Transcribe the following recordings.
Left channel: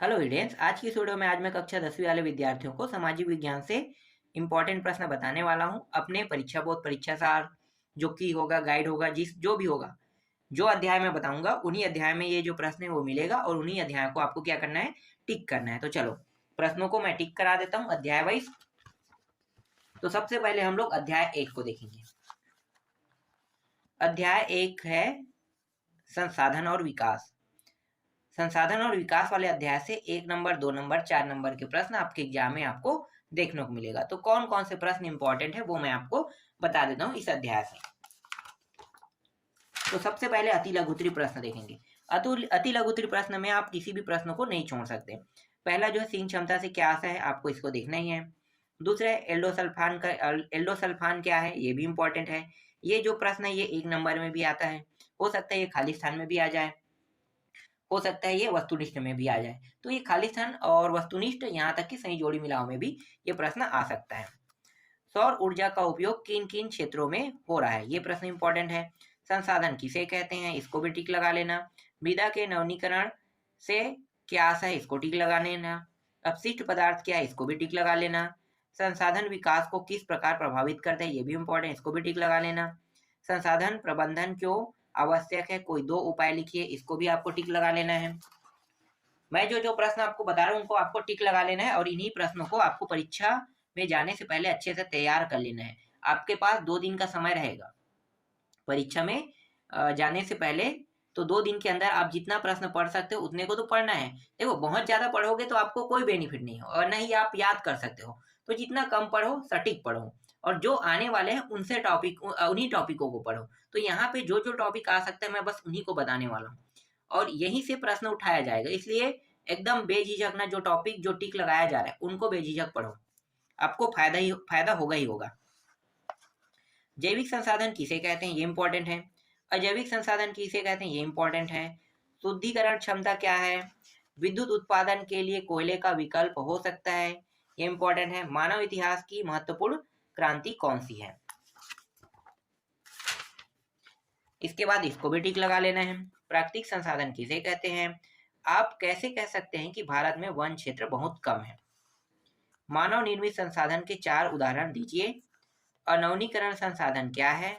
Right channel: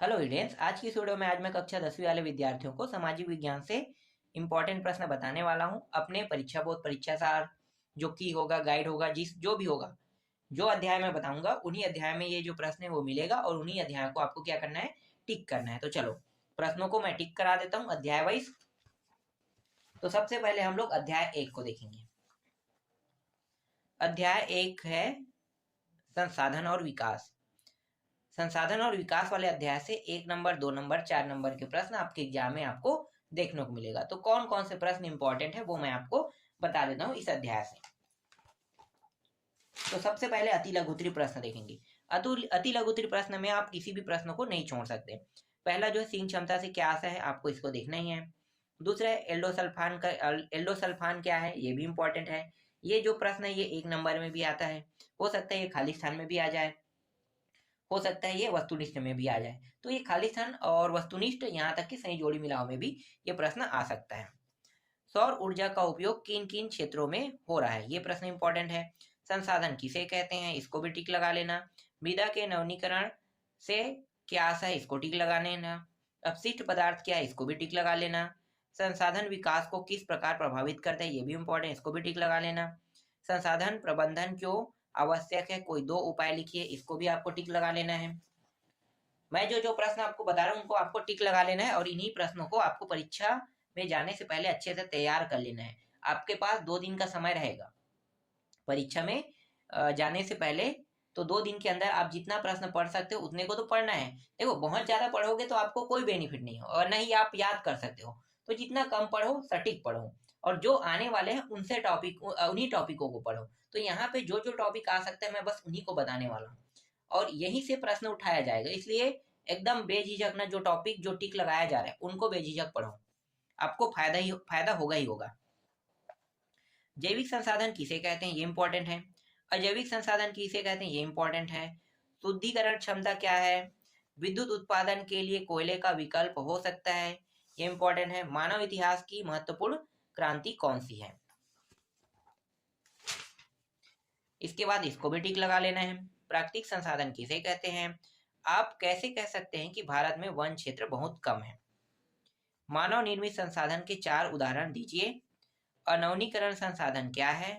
Hello students, आज की इस वीडियो में आज मैं कक्षा 10वीं वाले विद्यार्थियों को सामाजिक विज्ञान से इंपॉर्टेंट प्रश्न बताने वाला हूं। अपने परीक्षा बोध परीक्षा सार जो कि होगा, गाइड होगा, जिस जो भी होगा, जो अध्याय मैं बताऊंगा उन्हीं अध्याय में ये जो प्रश्न है वो मिलेगा और उन्हीं अध्याय को आपको क्या करना है, टिक करना है। तो चलो प्रश्नों को मैं टिक करा देता हूँ अध्याय वाइज। तो सबसे पहले हम लोग अध्याय 1 को देखेंगे। अध्याय 1 है संसाधन और विकास। संसाधन और विकास वाले अध्याय से 1 नंबर, 2 नंबर, 4 नंबर के प्रश्न आपके एग्जाम में आपको देखने को मिलेगा। तो कौन कौन से प्रश्न इंपॉर्टेंट है वो मैं आपको बता देता हूँ इस अध्याय से। तो सबसे पहले अति लघुत्तरी प्रश्न देखेंगे। अति लघुत्तरी प्रश्न में आप किसी भी प्रश्न को नहीं छोड़ सकते। पहला जो है सीन क्षमता से क्या आशा है, आपको इसको देखना ही है। दूसरा है एल्डोसल्फान क्या है, ये भी इंपॉर्टेंट है। ये जो प्रश्न है ये 1 नंबर में भी आता है, हो सकता है ये खाली स्थान में भी आ जाए, हो सकता है ये वस्तुनिष्ठ में भी आ जाए। तो ये खालिस्तान और वस्तुनिष्ठ यहाँ तक कि सही जोड़ी मिलाओ में भी ये प्रश्न आ सकता है। सौर ऊर्जा का उपयोग किन किन क्षेत्रों में हो रहा है, ये प्रश्न इंपॉर्टेंट है। संसाधन किसे कहते हैं, इसको भी टिक लगा लेना। मृदा के नवीनीकरण से क्या आशा है, इसको टिक लगा लेना। अपशिष्ट पदार्थ क्या है, इसको भी टिक लगा लेना। संसाधन विकास को किस प्रकार प्रभावित करता है, ये भी इंपॉर्टेंट है, इसको भी टिक लगा लेना। संसाधन प्रबंधन क्यों आवश्यक है, कोई 2 उपाय लिखिए, इसको भी आपको टिक लगा लेना है। मैं जो जो प्रश्न आपको बता रहा हूँ उनको आपको टिक लगा लेना है और इन्हीं प्रश्नों को आपको परीक्षा में जाने से पहले अच्छे से तैयार कर लेना है। आपके पास 2 दिन का समय रहेगा परीक्षा में जाने से पहले। तो 2 दिन के अंदर आप जितना प्रश्न पढ़ सकते हो उतने को तो पढ़ना है। देखो बहुत ज्यादा पढ़ोगे तो आपको कोई बेनिफिट नहीं हो और न ही आप याद कर सकते हो। तो जितना कम पढ़ो, सटीक पढ़ो और जो आने वाले हैं उनसे उन्हीं टॉपिकों को पढ़ो। तो यहाँ पे जो जो टॉपिक आ सकता है मैं बस उन्हीं को बताने वाला हूँ और यहीं से प्रश्न उठाया जाएगा। इसलिए एकदम बेझिझक ना, जो टॉपिक जो टिक लगाया जा रहा है उनको बेझिझक पढ़ो, आपको फायदा होगा ही होगा। जैविक संसाधन किसे कहते हैं, ये इंपॉर्टेंट है। अजैविक संसाधन किसे कहते हैं, ये इंपॉर्टेंट है। शुद्धिकरण क्षमता क्या है, विद्युत उत्पादन के लिए कोयले का विकल्प हो सकता है, ये इंपॉर्टेंट है। मानव इतिहास की महत्वपूर्ण क्रांति कौन सी है, इसके बाद इसको भी टिक लगा लेना है। प्राकृतिक संसाधन किसे कहते हैं, आप कैसे कह सकते हैं कि भारत में वन क्षेत्र बहुत कम है। मानव निर्मित संसाधन के 4 उदाहरण दीजिए। अनवनीकरण संसाधन क्या है,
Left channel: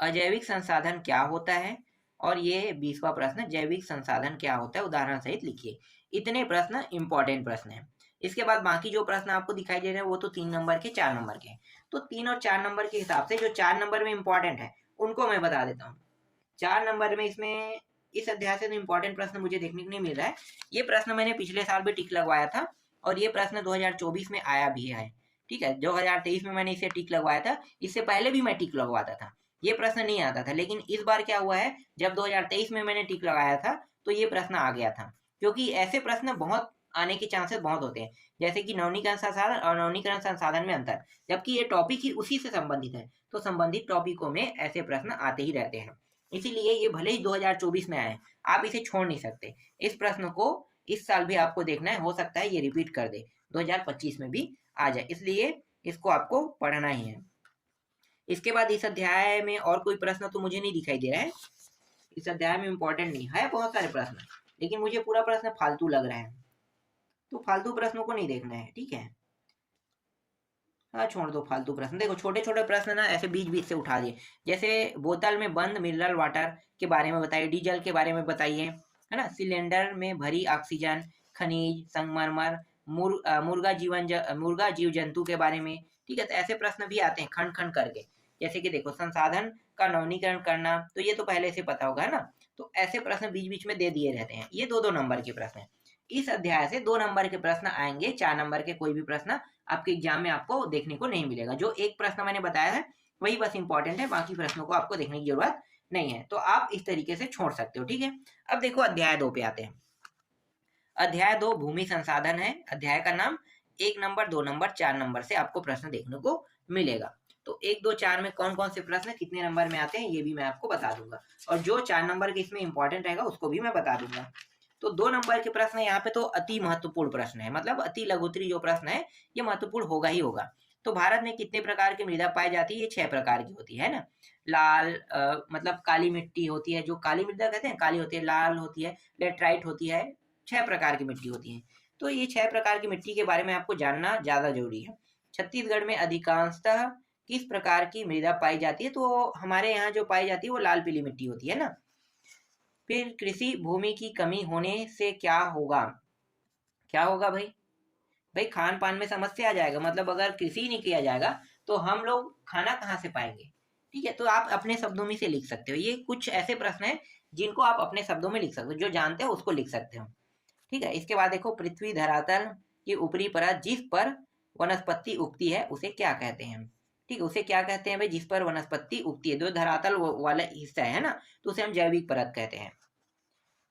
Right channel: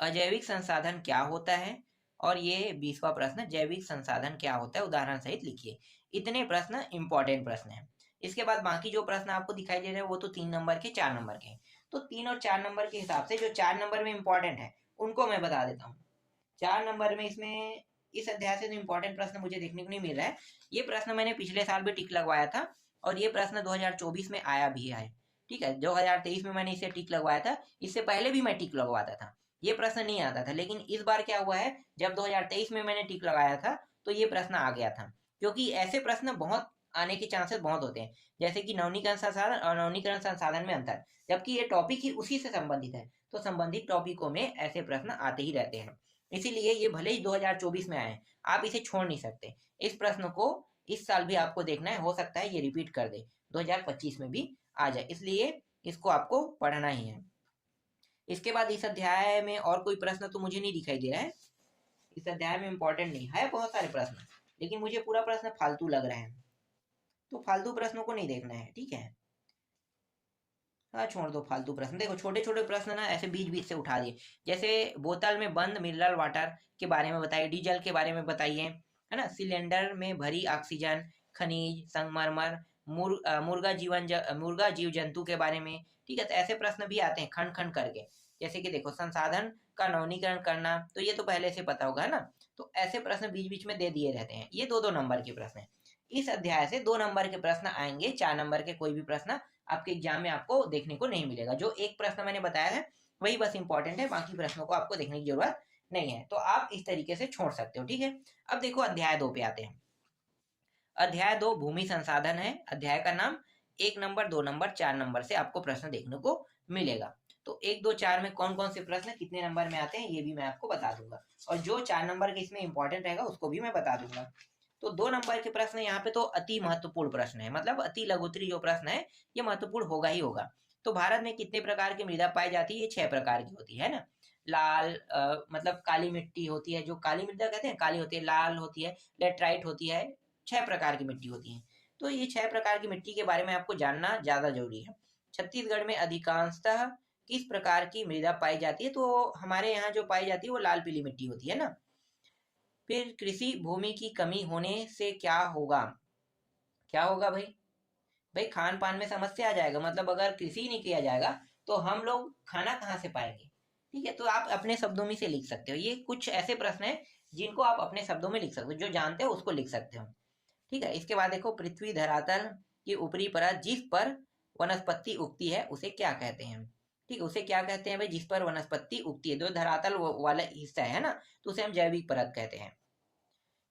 अजैविक संसाधन क्या होता है और ये 20वां प्रश्न, जैविक संसाधन क्या होता है, उदाहरण सहित लिखिए। इतने प्रश्न इंपॉर्टेंट प्रश्न हैं। इसके बाद बाकी जो प्रश्न आपको दिखाई दे रहे हैं वो तो 3 नंबर के, 4 नंबर के। तो 3 और 4 नंबर के हिसाब से जो 4 नंबर में इंपॉर्टेंट है उनको मैं बता देता हूँ। 4 नंबर में इसमें इस अध्याय से तो इंपॉर्टेंट प्रश्न मुझे देखने को नहीं मिल रहा है। ये प्रश्न मैंने पिछले साल भी टिक लगवाया था और ये प्रश्न 2024 में आया भी है। ठीक है, 2023 में मैंने इसे टिक लगवाया था, इससे पहले भी मैं टिक लगवाता था, ये प्रश्न नहीं आता था। लेकिन इस बार क्या हुआ है, जब 2023 में मैंने टिक लगाया था तो ये प्रश्न आ गया था, क्योंकि ऐसे प्रश्न बहुत आने के चांसेस बहुत होते हैं। जैसे कि नवीनीकरण संसाधन और नवीनीकरण संसाधन में अंतर, जबकि ये टॉपिक ही उसी से संबंधित है, तो संबंधित टॉपिकों में ऐसे प्रश्न आते ही रहते हैं। इसीलिए ये भले ही 2024 में आए, आप इसे छोड़ नहीं सकते। इस प्रश्न को इस साल भी आपको देखना है, हो सकता है ये रिपीट कर दे, 2025 में भी आ जाए, इसलिए इसको आपको पढ़ना ही है। इसके बाद इस अध्याय में और कोई प्रश्न तो मुझे नहीं दिखाई दे रहा है। इस अध्याय में इंपॉर्टेंट नहीं है, बहुत सारे प्रश्न, लेकिन मुझे पूरा प्रश्न फालतू लग रहा है, तो फालतू प्रश्नों को नहीं देखना है, ठीक है। हाँ, छोड़ दो फालतू प्रश्न। देखो छोटे छोटे प्रश्न ना ऐसे बीच बीच से उठा दिए, जैसे बोतल में बंद मिनरल वाटर के बारे में बताइए, डीजल के बारे में बताइए, है ना, सिलेंडर में भरी ऑक्सीजन, खनिज, संगमरमर, मुर्गा जीव जंतु के बारे में। ठीक है, तो ऐसे प्रश्न भी आते हैं खंड खंड करके। जैसे कि देखो संसाधन का नवीनीकरण करना, तो ये तो पहले से पता होगा, है ना। तो ऐसे प्रश्न बीच बीच में दे दिए रहते हैं, ये 2-2 नंबर के प्रश्न है। इस अध्याय से 2 नंबर के प्रश्न आएंगे, 4 नंबर के कोई भी प्रश्न आपके एग्जाम में आपको देखने को नहीं मिलेगा। जो एक प्रश्न मैंने बताया है वही बस इंपॉर्टेंट है, बाकी प्रश्नों को आपको देखने की जरूरत नहीं है, तो आप इस तरीके से छोड़ सकते हो, ठीक है। अब देखो अध्याय 2 पे आते हैं। अध्याय 2 भूमि संसाधन है। अध्याय का नाम 1 नंबर, 2 नंबर, 4 नंबर से आपको प्रश्न देखने को मिलेगा। तो 1, 2, 4 में कौन कौन से प्रश्न कितने नंबर में आते हैं ये भी मैं आपको बता दूंगा, और जो 4 नंबर के इसमें इंपॉर्टेंट रहेगा उसको भी मैं बता दूंगा। तो 2 नंबर के प्रश्न यहाँ पे तो अति महत्वपूर्ण प्रश्न है, मतलब अति लघुत्तरी जो प्रश्न है ये महत्वपूर्ण होगा ही होगा। तो भारत में कितने प्रकार की मृदा पाई जाती है, ये 6 प्रकार की होती है ना। लाल मतलब काली मिट्टी होती है, जो काली मृदा कहते हैं, काली होती है, लाल होती है, लेटराइट होती है, 6 प्रकार की मिट्टी होती है। तो ये 6 प्रकार की मिट्टी के बारे में आपको जानना ज्यादा जरूरी है। छत्तीसगढ़ में अधिकांशतः किस प्रकार की मृदा पाई जाती है? तो हमारे यहाँ जो पाई जाती है वो लाल पीली मिट्टी होती है ना। फिर कृषि भूमि की कमी होने से क्या होगा? क्या होगा भाई? भाई खान पान में समस्या आ जाएगा। मतलब अगर कृषि नहीं किया जाएगा तो हम लोग खाना कहाँ से पाएंगे? ठीक है, तो आप अपने शब्दों में से लिख सकते हो। ये कुछ ऐसे प्रश्न हैं जिनको आप अपने शब्दों में लिख सकते हो, जो जानते हो उसको लिख सकते हो। ठीक है, इसके बाद देखो, पृथ्वी धरातल की ऊपरी परत जिस पर वनस्पति उगती है उसे क्या कहते हैं? ठीक है, उसे क्या कहते हैं भाई? जिस पर वनस्पति उगती है, जो धरातल वाला हिस्सा है ना, तो उसे हम जैविक परत कहते हैं।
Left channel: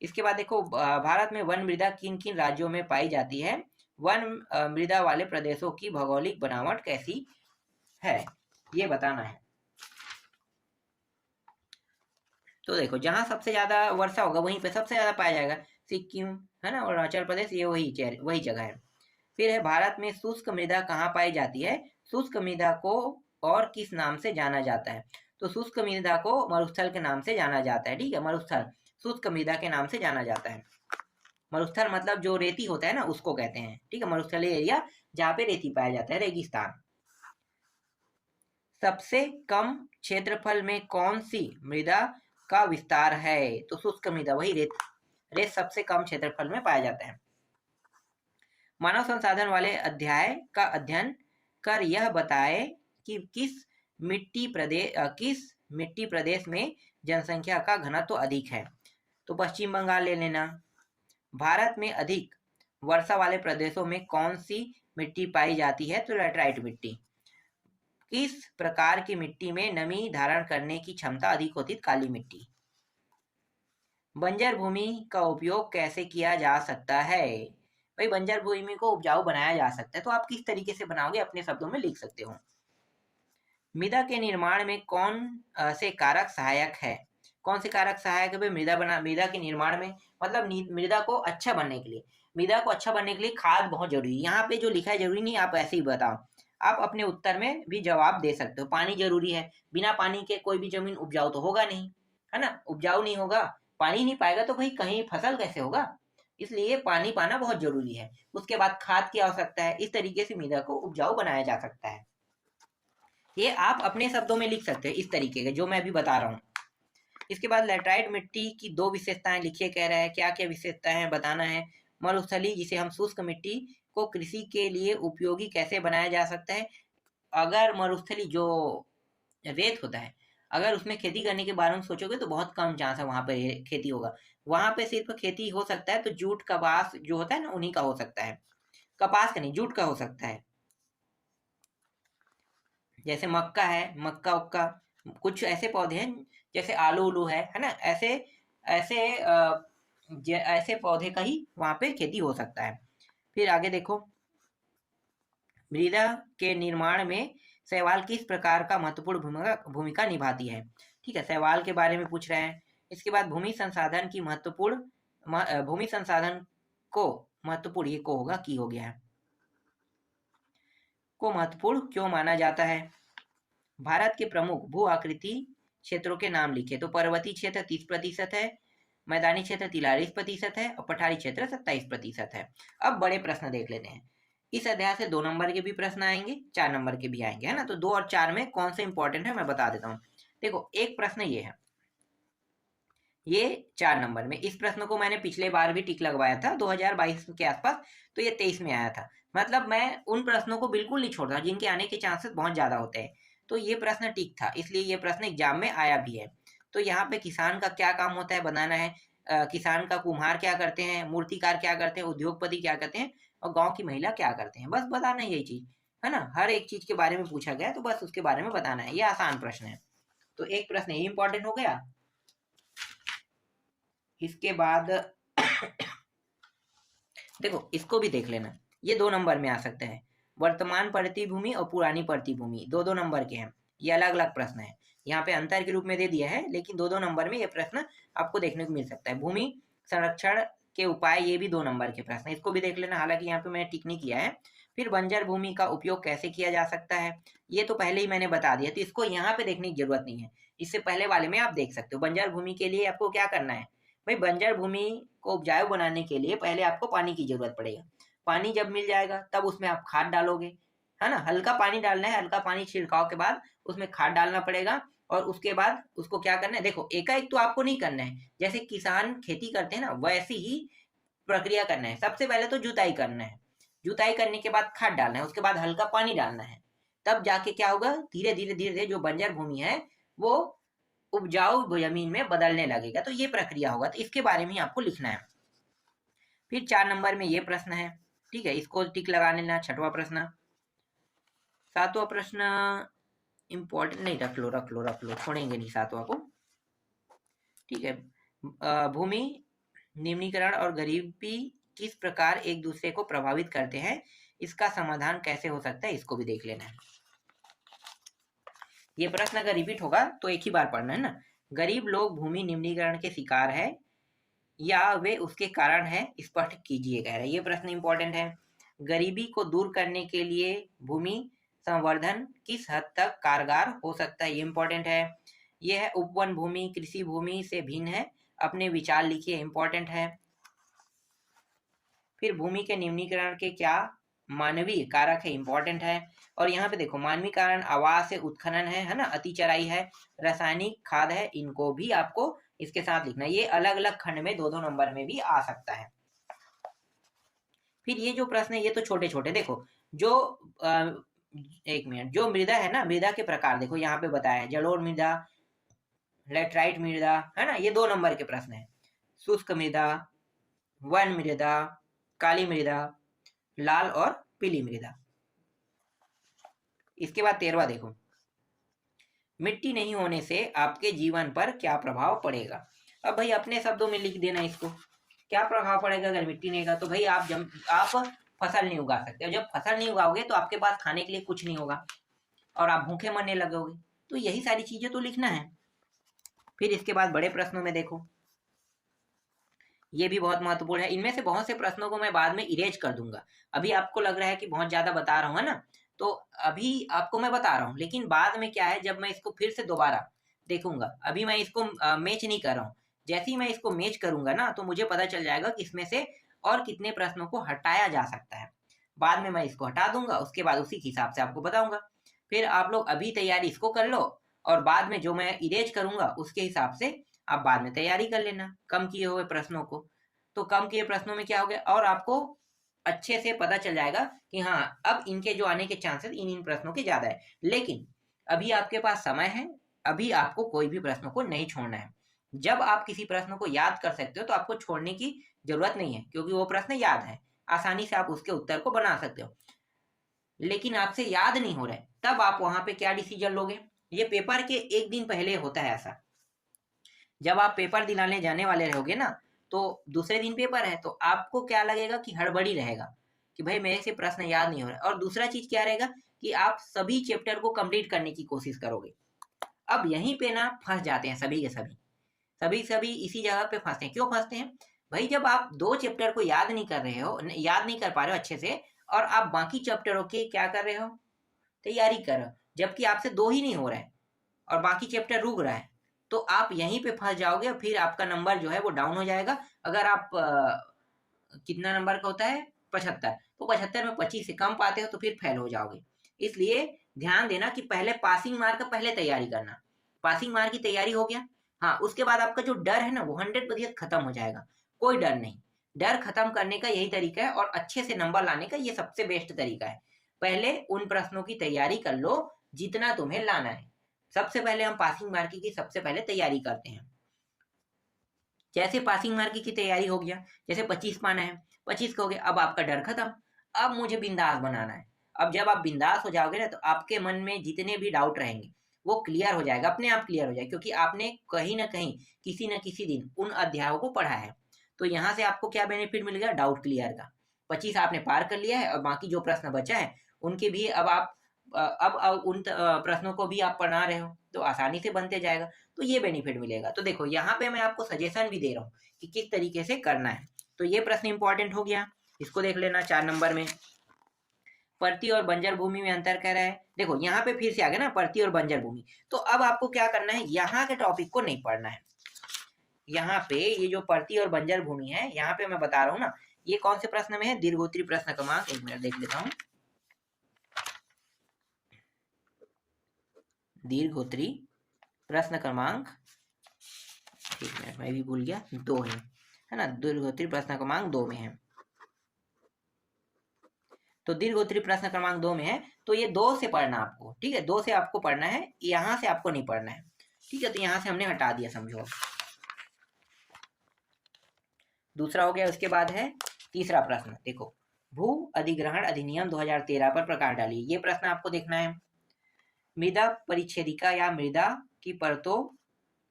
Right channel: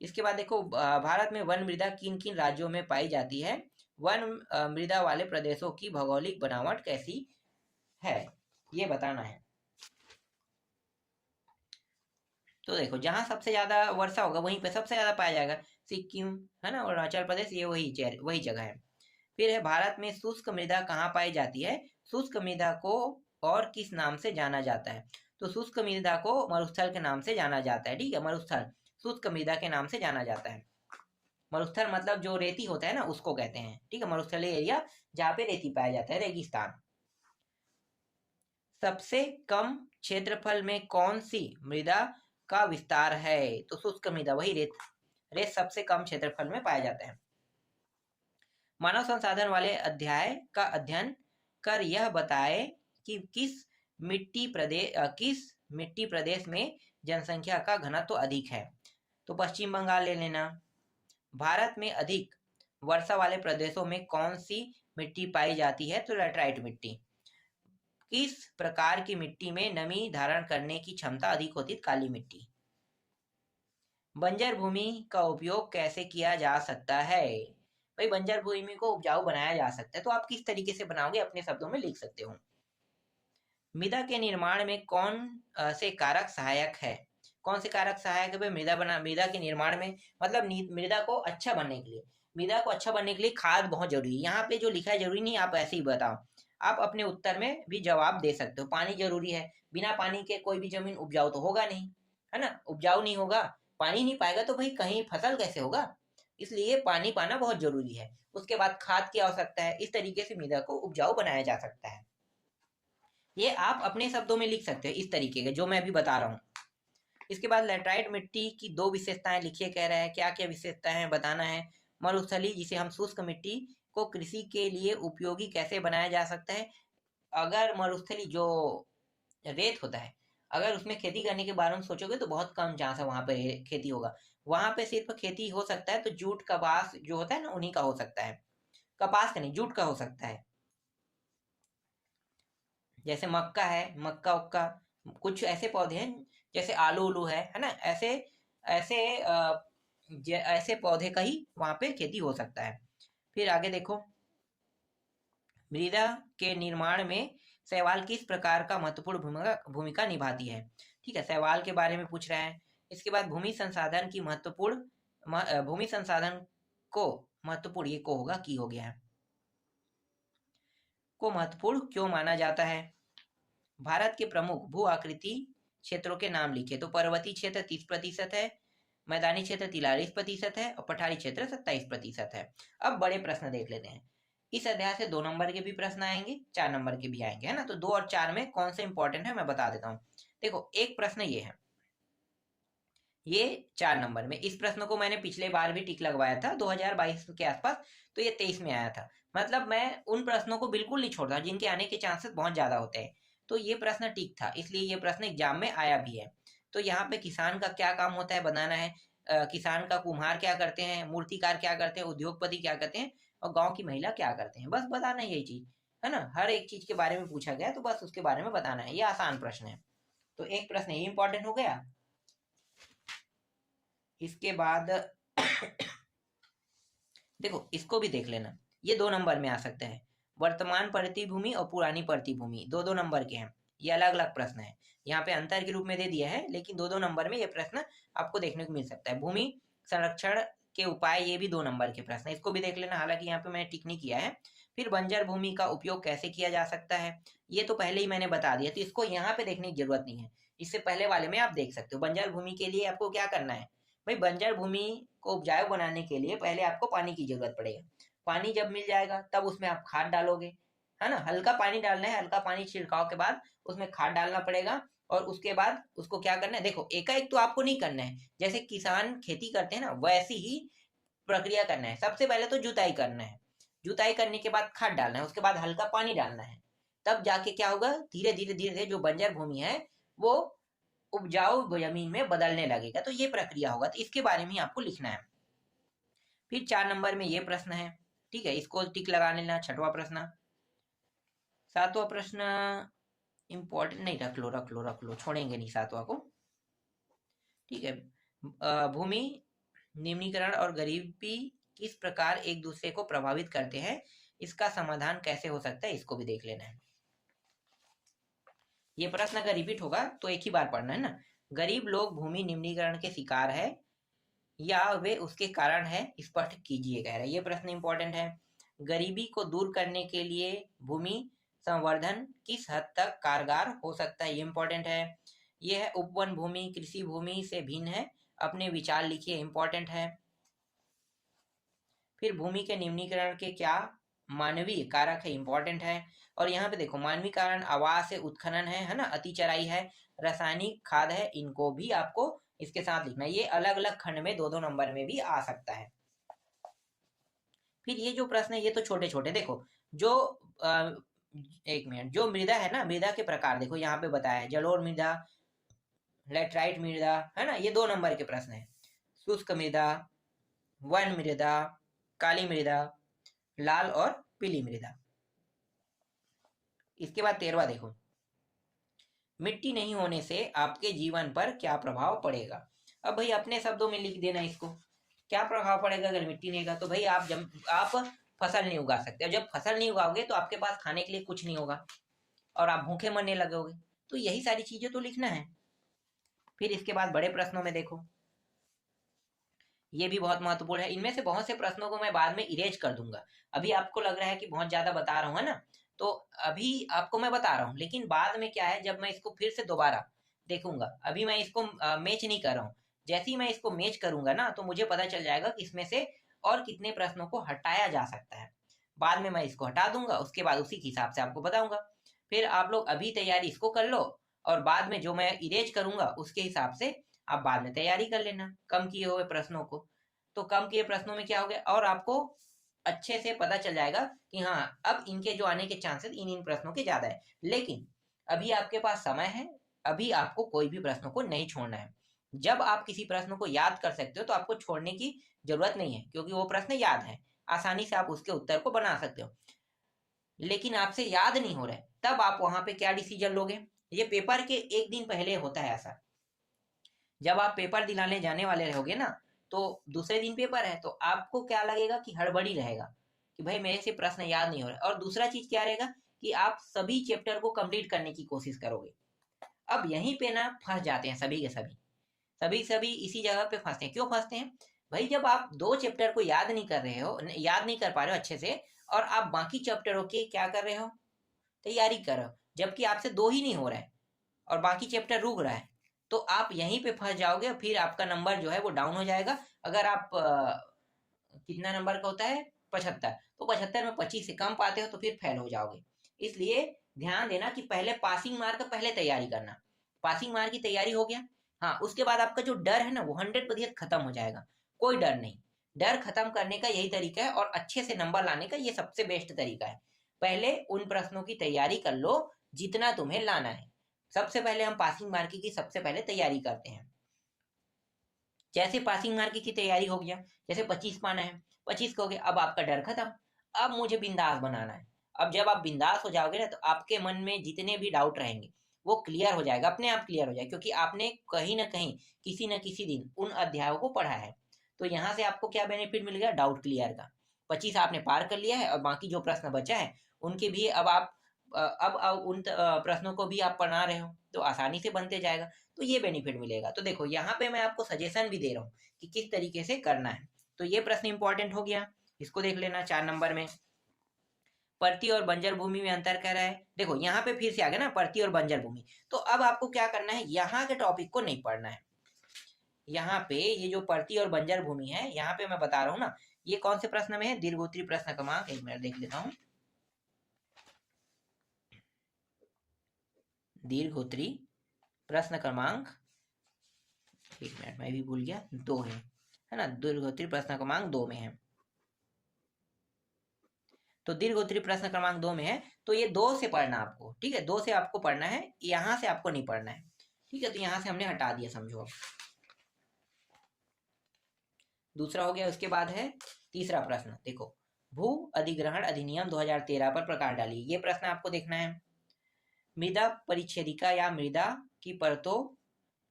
इसके बाद देखो, भारत में वन मृदा किन किन राज्यों में पाई जाती है? वन मृदा वाले प्रदेशों की भौगोलिक बनावट कैसी है, ये बताना है। तो देखो, जहां सबसे ज्यादा वर्षा होगा वहीं पे सबसे ज्यादा पाया जाएगा, सिक्किम है ना, अरुणाचल प्रदेश, ये वही जगह है। फिर है, भारत में शुष्क मृदा कहाँ पाई जाती है? शुष्क मृदा को और किस नाम से जाना जाता है? तो शुष्क मृदा को मरुस्थल के नाम से जाना जाता है। ठीक है, मरुस्थल शुष्क मृदा के नाम से जाना जाता है। मरुस्थल मतलब जो रेती होता है ना, उसको कहते हैं। ठीक है, मरुस्थलीय एरिया जहाँ पे रेती पाया जाता है, रेगिस्तान। सबसे कम क्षेत्रफल में कौन सी मृदा का विस्तार है? तो शुष्क मृदा, वही रेत सबसे कम क्षेत्रफल में पाया जाता है। मानव संसाधन वाले अध्याय का अध्ययन कर यह बताए कि किस मिट्टी प्रदेश में जनसंख्या का घनत्व तो अधिक है? तो पश्चिम बंगाल ले लेना। भारत में अधिक वर्षा वाले प्रदेशों में कौन सी मिट्टी पाई जाती है? तो लैटराइट मिट्टी। किस प्रकार की मिट्टी में नमी धारण करने की क्षमता अधिक होती है? काली मिट्टी। बंजर भूमि का उपयोग कैसे किया जा सकता है? भाई बंजर भूमि को उपजाऊ बनाया जा सकता है, तो आप किस तरीके से बनाओगे अपने शब्दों में लिख सकते हो। मृदा के निर्माण में कौन से कारक सहायक है? कौन से कारक सहायक है भाई मृदा के निर्माण में? मतलब मृदा को अच्छा बनने के लिए, मृदा को अच्छा बनने के लिए खाद बहुत जरूरी है। यहाँ पे जो लिखा है जरूरी नहीं, आप ऐसे ही बताओ। आप अपने उत्तर में भी जवाब दे सकते हो। पानी जरूरी है, बिना पानी के कोई भी जमीन उपजाऊ तो होगा नहीं, है ना। उपजाऊ नहीं होगा, पानी नहीं पाएगा तो भाई कहीं फसल कैसे होगा? इसलिए पानी पाना बहुत जरूरी है। उसके बाद खाद की आवश्यकता है। इस तरीके से मृदा को उपजाऊ बनाया जा सकता है। ये आप अपने शब्दों में लिख सकते हैं, इस तरीके के जो मैं अभी बता रहा हूँ। इसके बाद लैटराइट मिट्टी की 2 विशेषताएं लिखिए, कह रहा है। क्या क्या विशेषताएं हैं बताना है। मरुस्थली, जिसे हम शुष्क मिट्टी को कृषि के लिए उपयोगी कैसे बनाया जा सकता है? अगर मरुस्थली जो रेत होता है, अगर उसमें खेती करने के बारे में सोचोगे तो बहुत कम चांस है वहां पे खेती होगा। वहां पे सिर्फ खेती हो सकता है तो जूट कपास जो होता है ना, उन्हीं का हो सकता है। कपास का नहीं, जूट का हो सकता है। जैसे मक्का है, मक्का उक्का, कुछ ऐसे पौधे हैं, जैसे आलू उलू है ना। ऐसे ऐसे ऐसे पौधे का ही वहां पे खेती हो सकता है। फिर आगे देखो, मृदा के निर्माण में शैवाल किस प्रकार का महत्वपूर्ण भूमिका निभाती है? ठीक है, शैवाल के बारे में पूछ रहा है। इसके बाद भूमि संसाधन को महत्वपूर्ण, ये को होगा, की हो गया है, को महत्वपूर्ण क्यों माना जाता है? भारत के प्रमुख भू आकृति क्षेत्रों के नाम लिखे। तो पर्वतीय क्षेत्र 30% है, मैदानी क्षेत्र 43% है और पठारी क्षेत्र 27% है। अब बड़े प्रश्न देख लेते हैं। इस अध्याय से 2 नंबर के भी प्रश्न आएंगे, 4 नंबर के भी आएंगे, है ना। तो 2 और 4 में कौन से इंपॉर्टेंट है मैं बता देता हूँ। देखो, एक प्रश्न ये है, ये 4 नंबर में। इस प्रश्न को मैंने पिछले बार भी टिक लगवाया था 2022 के आसपास, तो ये 23 में आया था। मतलब मैं उन प्रश्नों को बिल्कुल नहीं छोड़ता जिनके आने के चांसेस बहुत ज्यादा होते हैं। तो ये प्रश्न टिक था, इसलिए ये प्रश्न एग्जाम में आया भी है। तो यहाँ पे किसान का क्या काम होता है बताना है। किसान का कुम्हार क्या करते हैं, मूर्तिकार क्या करते हैं, उद्योगपति क्या करते हैं, और गाँव की महिला क्या करते हैं, बस बताना है यही चीज, है ना। हर एक चीज के बारे में पूछा गया तो बस उसके बारे में बताना है। ये आसान प्रश्न है, तो एक प्रश्न ये इंपॉर्टेंट हो गया। इसके बाद देखो, इसको भी देख लेना, ये 2 नंबर में आ सकता है। वर्तमान प्रतिभूमि और पुरानी प्रतिभूमि 2-2 नंबर के हैं। ये अलग अलग प्रश्न है, यहाँ पे अंतर के रूप में दे दिया है, लेकिन 2-2 नंबर में ये प्रश्न आपको देखने को मिल सकता है। भूमि संरक्षण के उपाय, ये भी 2 नंबर के प्रश्न है, इसको भी देख लेना। हालांकि यहाँ पे मैंने टिक नहीं किया है। फिर बंजर भूमि का उपयोग कैसे किया जा सकता है, ये तो पहले ही मैंने बता दिया, तो इसको यहाँ पे देखने की जरूरत नहीं है। इससे पहले वाले में आप देख सकते हो। बंजर भूमि के लिए आपको क्या करना है, भाई बंजर भूमि को उपजाऊ बनाने के लिए पहले आपको पानी की जरूरत पड़ेगा। पानी जब मिल जाएगा तब उसमें आप खाद डालोगे, है ना। हल्का पानी डालना है, हल्का पानी छिड़काव के बाद उसमें खाद डालना पड़ेगा। और उसके बाद उसको क्या करना है, देखो एकाएक तो आपको नहीं करना है, जैसे किसान खेती करते हैं ना वैसी ही प्रक्रिया करना है। सबसे पहले तो जुताई करना है, जुताई करने के बाद खाद डालना है, उसके बाद हल्का पानी डालना है। तब जाके क्या होगा, धीरे धीरे धीरे धीरे जो बंजर भूमि है वो उपजाऊ जमीन में बदलने लगेगा। तो ये प्रक्रिया होगा, तो इसके बारे में आपको लिखना है। फिर 4 नंबर में ये प्रश्न है, ठीक है, इसको टिक लगा लेना। छठवां प्रश्न। सातवां प्रश्न इंपॉर्टेंट नहीं, रख लो, छोड़ेंगे नहीं सातवां को, ठीक है। भूमि निम्नीकरण और गरीबी किस प्रकार एक दूसरे को प्रभावित करते हैं, इसका समाधान कैसे हो सकता है, इसको भी देख लेना है। ये प्रश्न अगर रिपीट होगा तो एक ही बार पढ़ना है ना। गरीब लोग भूमि निम्नीकरण के शिकार है या वे उसके कारण है, स्पष्ट कीजिएगा। ये प्रश्न इंपॉर्टेंट है। गरीबी को दूर करने के लिए भूमि संवर्धन किस हद तक कारगर हो सकता है, ये इंपॉर्टेंट है। यह है उपवन भूमि कृषि भूमि से भिन्न है, अपने विचार लिखिए, इंपॉर्टेंट है। फिर भूमि के निम्नीकरण के क्या मानवीय कारक है, इंपॉर्टेंट है। और यहाँ पे देखो मानवीय कारण आवास से उत्खनन है ना, अति चराई है, रासायनिक खाद है, इनको भी आपको इसके साथ लिखना है। ये अलग अलग खंड में 2-2 नंबर में भी आ सकता है। फिर ये जो प्रश्न है ये तो छोटे छोटे, देखो जो एक मिनट, जो मृदा है ना, मृदा के प्रकार देखो यहाँ पे बताया है, जलोढ़ मृदा, लेटराइट मृदा, है ना, ये 2 नंबर के प्रश्न है। शुष्क मृदा, वन मृदा, काली मृदा, लाल और पीली मृदा। इसके बाद 13वां देखो, मिट्टी नहीं होने से आपके जीवन पर क्या प्रभाव पड़ेगा। अब भाई अपने शब्दों में लिख देना इसको, क्या प्रभाव पड़ेगा अगर मिट्टी नहीं होगा। तो भाई आप फसल नहीं उगा सकते, जब फसल नहीं उगाओगे तो आपके पास खाने के लिए कुछ नहीं होगा और आप भूखे मरने लगोगे। तो यही सारी चीजें तो लिखना है। फिर इसके बाद बड़े प्रश्नों में देखो, ये भी बहुत महत्वपूर्ण है। इनमें से बहुत से प्रश्नों को मैं बाद में इरेज कर दूंगा। अभी आपको लग रहा है कि बहुत ज्यादा बता रहा हूँ, है ना, तो अभी आपको मैं बता रहा हूँ, लेकिन बाद में क्या है, जब मैं इसको फिर से दोबारा देखूंगा, अभी मैं इसको मैच नहीं कर रहा हूँ। जैसे ही मैं इसको मैच करूंगा ना तो मुझे पता चल जाएगा कि इसमें से और कितने प्रश्नों को हटाया जा सकता है। बाद में मैं इसको हटा दूंगा, उसके बाद उसी के हिसाब से आपको बताऊंगा। फिर आप लोग अभी तैयारी इसको कर लो और बाद में जो मैं इरेज करूंगा उसके हिसाब से आप बाद में तैयारी कर लेना कम किए हुए प्रश्नों को। तो कम किए प्रश्नों में क्या हो गया, और आपको अच्छे से पता चल जाएगा कि हाँ अब इनके जो आने के चांसेस इन प्रश्नों के ज्यादा है। लेकिन अभी आपके पास समय है, अभी आपको कोई भी प्रश्नों को नहीं छोड़ना है। जब आप किसी प्रश्न को याद कर सकते हो तो आपको छोड़ने की जरूरत नहीं है, क्योंकि वो प्रश्न याद है, आसानी से आप उसके उत्तर को बना सकते हो। लेकिन आपसे याद नहीं हो रहा है, तब आप वहां पे क्या डिसीजन लोगे। ये पेपर के एक दिन पहले होता है ऐसा, जब आप पेपर दिलाने जाने वाले रहोगे ना, तो दूसरे दिन पेपर है तो आपको क्या लगेगा कि हड़बड़ी रहेगा कि भाई मेरे से प्रश्न याद नहीं हो रहा। और दूसरा चीज क्या रहेगा कि आप सभी चैप्टर को कंप्लीट करने की कोशिश करोगे। अब यहीं पे ना फंस जाते हैं सभी के सभी, सभी इसी जगह पे फंसते हैं। क्यों फंसते हैं भाई, जब आप 2 चैप्टर को याद नहीं कर रहे हो, याद नहीं कर पा रहे हो अच्छे से, और आप बाकी चैप्टरों की क्या कर रहे हो, तैयारी कर रहे हो, जबकि आपसे 2 ही नहीं हो रहा है और बाकी चैप्टर रुक रहा है, तो आप यहीं पे फंस जाओगे। फिर आपका नंबर जो है वो डाउन हो जाएगा। अगर आप कितना नंबर का होता है 75, तो 75 में 25 से कम पाते हो तो फिर फेल हो जाओगे। इसलिए ध्यान देना कि पहले पासिंग मार्क पहले तैयारी करना। पासिंग मार्क की तैयारी हो गया, हाँ, उसके बाद आपका जो डर है ना वो 100% खत्म हो जाएगा। कोई डर नहीं, डर खत्म करने का यही तरीका है और अच्छे से नंबर लाने का ये सबसे बेस्ट तरीका है। पहले उन प्रश्नों की तैयारी कर लो जितना तुम्हें लाना है। सबसे पहले हम पासिंग मार्क की सबसे पहले तैयारी करते हैं। जैसे पासिंग मार्क की तैयारी हो गया, जैसे 25 पाना है, 25 का हो गया, अब आपका डर खत्म। अब मुझे बिंदास बनाना है। अब जब आप बिंदास हो जाओगे ना तो आपके मन में जितने भी डाउट रहेंगे वो क्लियर हो जाएगा, अपने आप क्लियर हो जाएगा, क्योंकि आपने कहीं ना कहीं किसी न किसी दिन उन अध्यायों को पढ़ा है। तो यहाँ से आपको क्या बेनिफिट मिल गया, डाउट क्लियर का। 25 आपने पार कर लिया है और बाकी जो प्रश्न बचा है उनके भी अब आप अब उन प्रश्नों को भी आप पढ़ा रहे हो तो आसानी से बनते जाएगा। तो ये बेनिफिट मिलेगा। तो देखो यहाँ पे मैं आपको सजेशन भी दे रहा हूँ कि किस तरीके से करना है। तो ये प्रश्न इंपॉर्टेंट हो गया, इसको देख लेना 4 नंबर में। परती और बंजर भूमि में अंतर कह रहा है। देखो यहाँ पे फिर से आ गया ना परती और बंजर भूमि, तो अब आपको क्या करना है, यहाँ के टॉपिक को नहीं पढ़ना है। यहाँ पे ये जो परती और बंजर भूमि है, यहाँ पे मैं बता रहा हूँ ना, ये कौन से प्रश्न में है? दीर्घोत्तरी प्रश्न क्रमांक, एक मिनट देख लेता हूँ, दीर्घोत्तरी प्रश्न क्रमांक, एक मिनट मैं भी भूल गया, 2 है ना, दीर्घोत्तरी प्रश्न क्रमांक 2 में है। तो दीर्घोत्तरी प्रश्न क्रमांक 2 में है, तो ये 2 से पढ़ना आपको, ठीक है, 2 से आपको पढ़ना है, यहाँ से आपको नहीं पढ़ना है, ठीक है। तो यहाँ से हमने हटा दिया, समझो। दूसरा हो गया। उसके बाद है तीसरा प्रश्न, देखो, भू अधिग्रहण अधिनियम 2013 पर प्रकाश डालिए। ये प्रश्न आपको देखना है। मृदा परिच्छेदिका या मृदा की परतों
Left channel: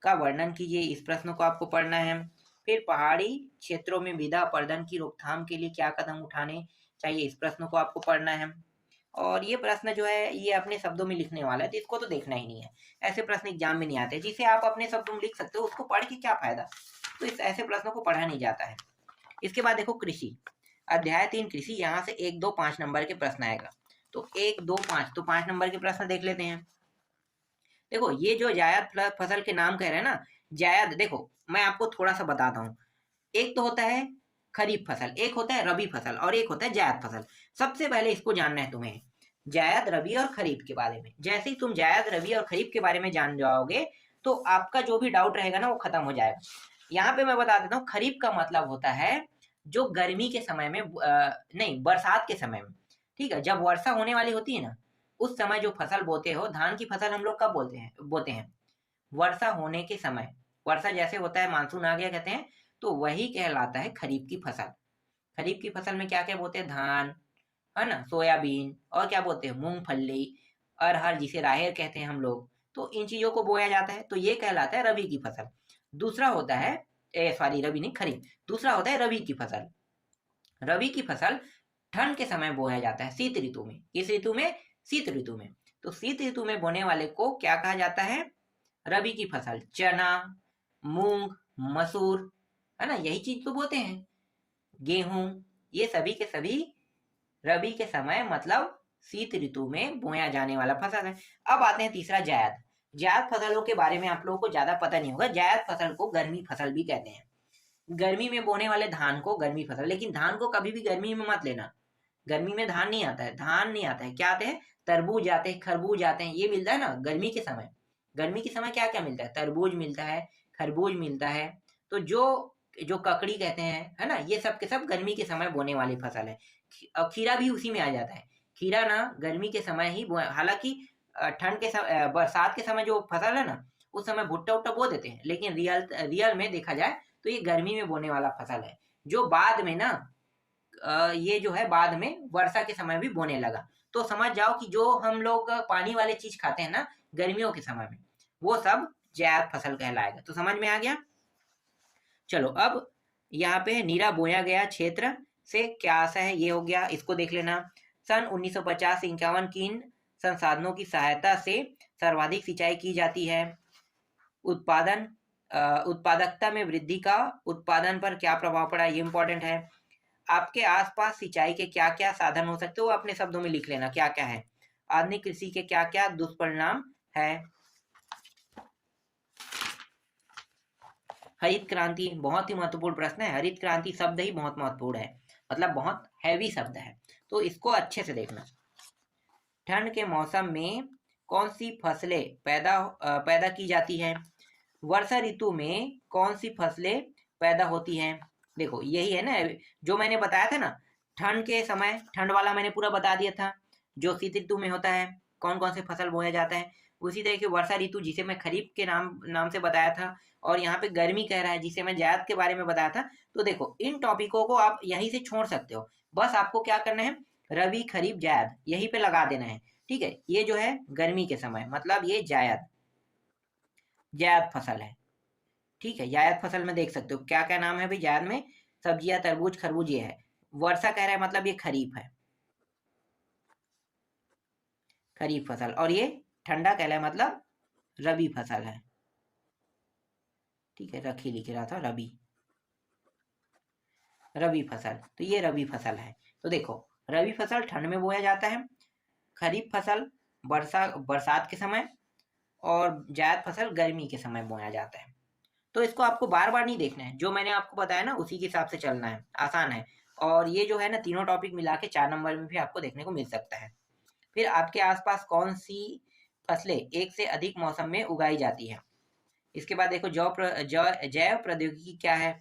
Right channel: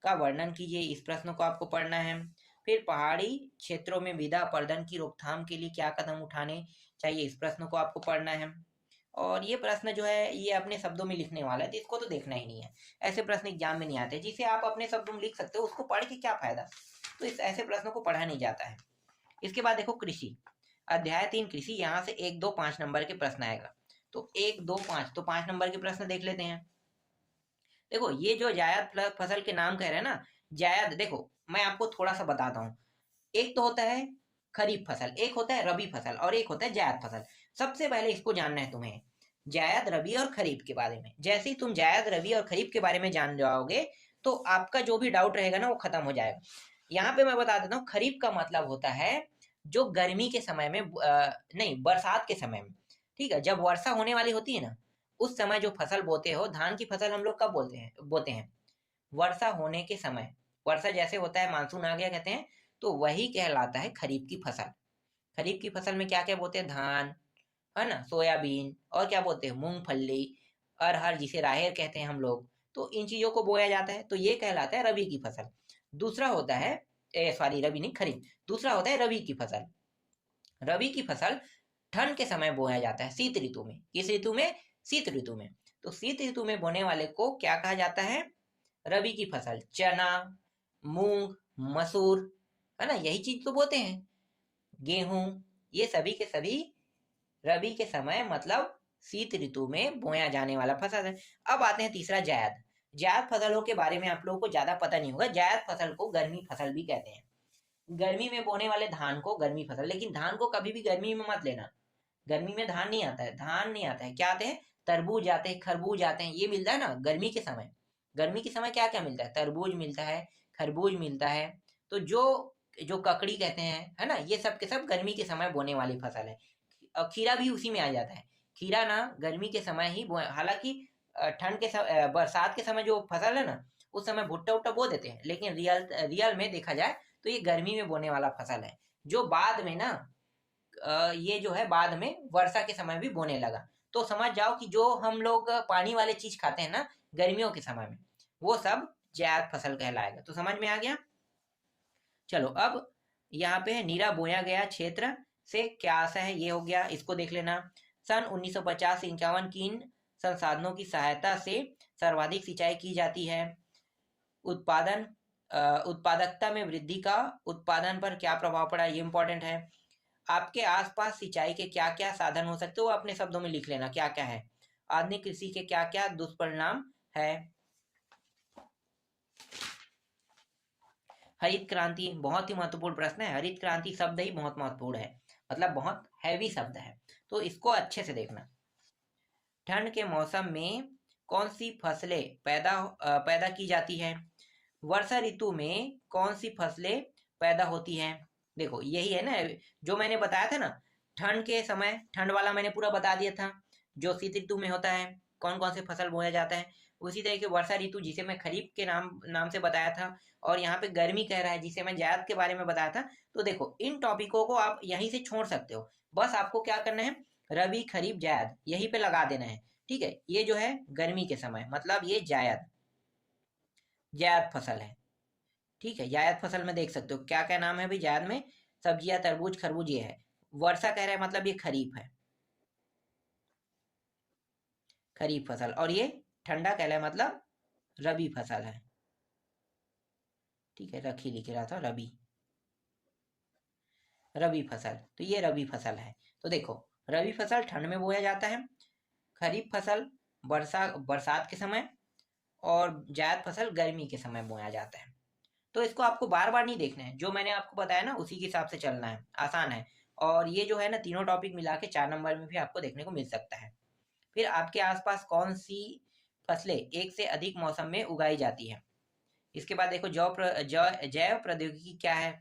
का वर्णन कीजिए, इस प्रश्न को आपको पढ़ना है। फिर पहाड़ी क्षेत्रों में मृदा अपरदन की रोकथाम के लिए क्या कदम उठाने चाहिए, इस प्रश्न को आपको पढ़ना है। और ये प्रश्न जो है ये अपने शब्दों में लिखने वाला है, तो इसको तो देखना ही नहीं है। ऐसे प्रश्न एग्जाम में नहीं आते, जिसे आप अपने शब्दों में लिख सकते हो उसको पढ़ के क्या फायदा, तो इस ऐसे प्रश्नों को पढ़ा नहीं जाता है। इसके बाद देखो कृषि, अध्याय 3 कृषि, यहाँ से 1, 2, 5 नंबर के प्रश्न आएगा। तो 1, 2, 5, तो 5 नंबर के प्रश्न देख लेते हैं। देखो ये जो जायद फसल के नाम कह रहे हैं ना, जायद, देखो मैं आपको थोड़ा सा बताता हूँ। एक तो होता है खरीफ फसल, एक होता है रबी फसल, और एक होता है जायद फसल। सबसे पहले इसको जानना है तुम्हें, जायद, रबी और खरीफ के बारे में। जैसे ही तुम जायद, रबी और खरीफ के बारे में जान जाओगे तो आपका जो भी डाउट रहेगा ना वो खत्म हो जाएगा। यहाँ पे मैं बता देता हूँ, खरीफ का मतलब होता है जो गर्मी के समय में, नहीं, बरसात के समय में, ठीक है, जब वर्षा होने वाली होती है ना, उस समय जो फसल बोते हो, धान की फसल हम लोग कब बोते हैं? वर्षा होने के समय। वर्षा जैसे होता है, मानसून आ गया कहते हैं, तो वही कहलाता है खरीफ की फसल। खरीफ की फसल में क्या क्या बोते हैं? धान, है ना, सोयाबीन, और क्या बोलते हैं? मूंगफली, अरहर, जिसे राहेर कहते हैं हम लोग। तो इन चीजों को बोया जाता है, तो ये कहलाता है रबी की फसल। दूसरा होता है, सॉरी, रबी नहीं, खरीफ। दूसरा होता है रबी की फसल। रबी की फसल ठंड के समय बोया जाता है, शीत ऋतु में। किस ऋतु में? शीत ऋतु में। तो शीत ऋतु में बोने वाले को क्या कहा जाता है? रबी की फसल। चना, मूंग, मसूर, है ना, यही चीज तो बोते हैं। गेहूं, ये सभी के सभी रबी के समय मतलब शीत ऋतु में बोया जाने वाला फसल है। अब आते हैं तीसरा, जायद। जायद फसलों के बारे में आप लोगों को ज्यादा पता नहीं होगा। जायद फसल को गर्मी फसल भी कहते हैं। गर्मी में बोने वाले धान को गर्मी फसल, लेकिन धान को कभी भी गर्मी में मत लेना। गर्मी में धान नहीं आता है, धान नहीं आता है। क्या आते हैं? तरबूज आते हैं, खरबूज आते हैं, ये मिलता है ना गर्मी के समय। गर्मी के समय क्या क्या मिलता है? तरबूज मिलता है, खरबूज मिलता है। तो जो जो ककड़ी कहते हैं, है ना, ये सब के सब गर्मी के समय बोने वाली फसल है। अब खीरा भी उसी में आ जाता है। खीरा ना गर्मी के समय ही हालांकि ठंड के समय, बरसात के समय जो फसल है ना, उस समय भुट्टा उट्टा बो देते हैं, लेकिन रियल में देखा जाए तो ये गर्मी में बोने वाला फसल है, जो बाद में ना, ये जो है बाद में वर्षा के समय भी बोने लगा। तो समझ जाओ कि जो हम लोग पानी वाले चीज खाते हैं ना गर्मियों के समय में, वो सब जायद फसल कहलाएगा। तो समझ में आ गया? चलो, अब यहाँ पे नीरा बोया गया क्षेत्र से क्या आशा है, ये हो गया, इसको देख लेना। सन 1950 से 51 किन संसाधनों की सहायता से सर्वाधिक सिंचाई की जाती है? उत्पादकता में वृद्धि का उत्पादन पर क्या प्रभाव पड़ा, ये इंपॉर्टेंट है। आपके आसपास सिंचाई के क्या क्या साधन हो सकते हो, अपने शब्दों में लिख लेना क्या क्या है। आधुनिक कृषि के क्या क्या दुष्परिणाम है। हरित क्रांति बहुत ही महत्वपूर्ण प्रश्न है। हरित क्रांति शब्द ही बहुत महत्वपूर्ण है, मतलब बहुत हैवी शब्द है, तो इसको अच्छे से देखना। ठंड के मौसम में कौन सी फसलें पैदा की जाती है? वर्षा ऋतु में कौन सी फसलें पैदा होती हैं? देखो यही है ना जो मैंने बताया था ना, ठंड के समय, ठंड वाला मैंने पूरा बता दिया था। जो शीत ऋतु में होता है कौन कौन से फसल बोया जाता है। उसी तरह के वर्षा ऋतु, जिसे मैं खरीफ के नाम से बताया था, और यहाँ पे गर्मी कह रहा है, जिसे मैं जायद के बारे में बताया था। तो देखो इन टॉपिकों को आप यहीं से छोड़ सकते हो। बस आपको क्या करना है, रबी, खरीफ, जायद यहीं पे लगा देना है, ठीक है। ये जो है गर्मी के समय, मतलब ये जायद फसल है, ठीक है। जायद फसल में देख सकते हो क्या क्या नाम है भाई जायद में, सब्जियां, तरबूज, खरबूज, ये है। वर्षा कह रहा है मतलब ये खरीफ है, खरीफ फसल। और ये ठंडा कह रहा है मतलब रबी फसल है, ठीक है, रखी लिख रहा था रबी, रबी फसल। तो ये रबी फसल है। तो देखो रबी फसल ठंड में बोया जाता है, खरीफ फसल बरसात के समय, और जायद फसल गर्मी के समय बोया जाता है। तो इसको आपको बार बार नहीं देखना है, जो मैंने आपको बताया ना उसी के हिसाब से चलना है, आसान है। और ये जो है ना तीनों टॉपिक मिला के 4 नंबर में भी आपको देखने को मिल सकता है। फिर आपके आसपास कौन सी फसलें एक से अधिक मौसम में उगाई जाती है। इसके बाद देखो जैव प्रौद्योगिकी क्या है,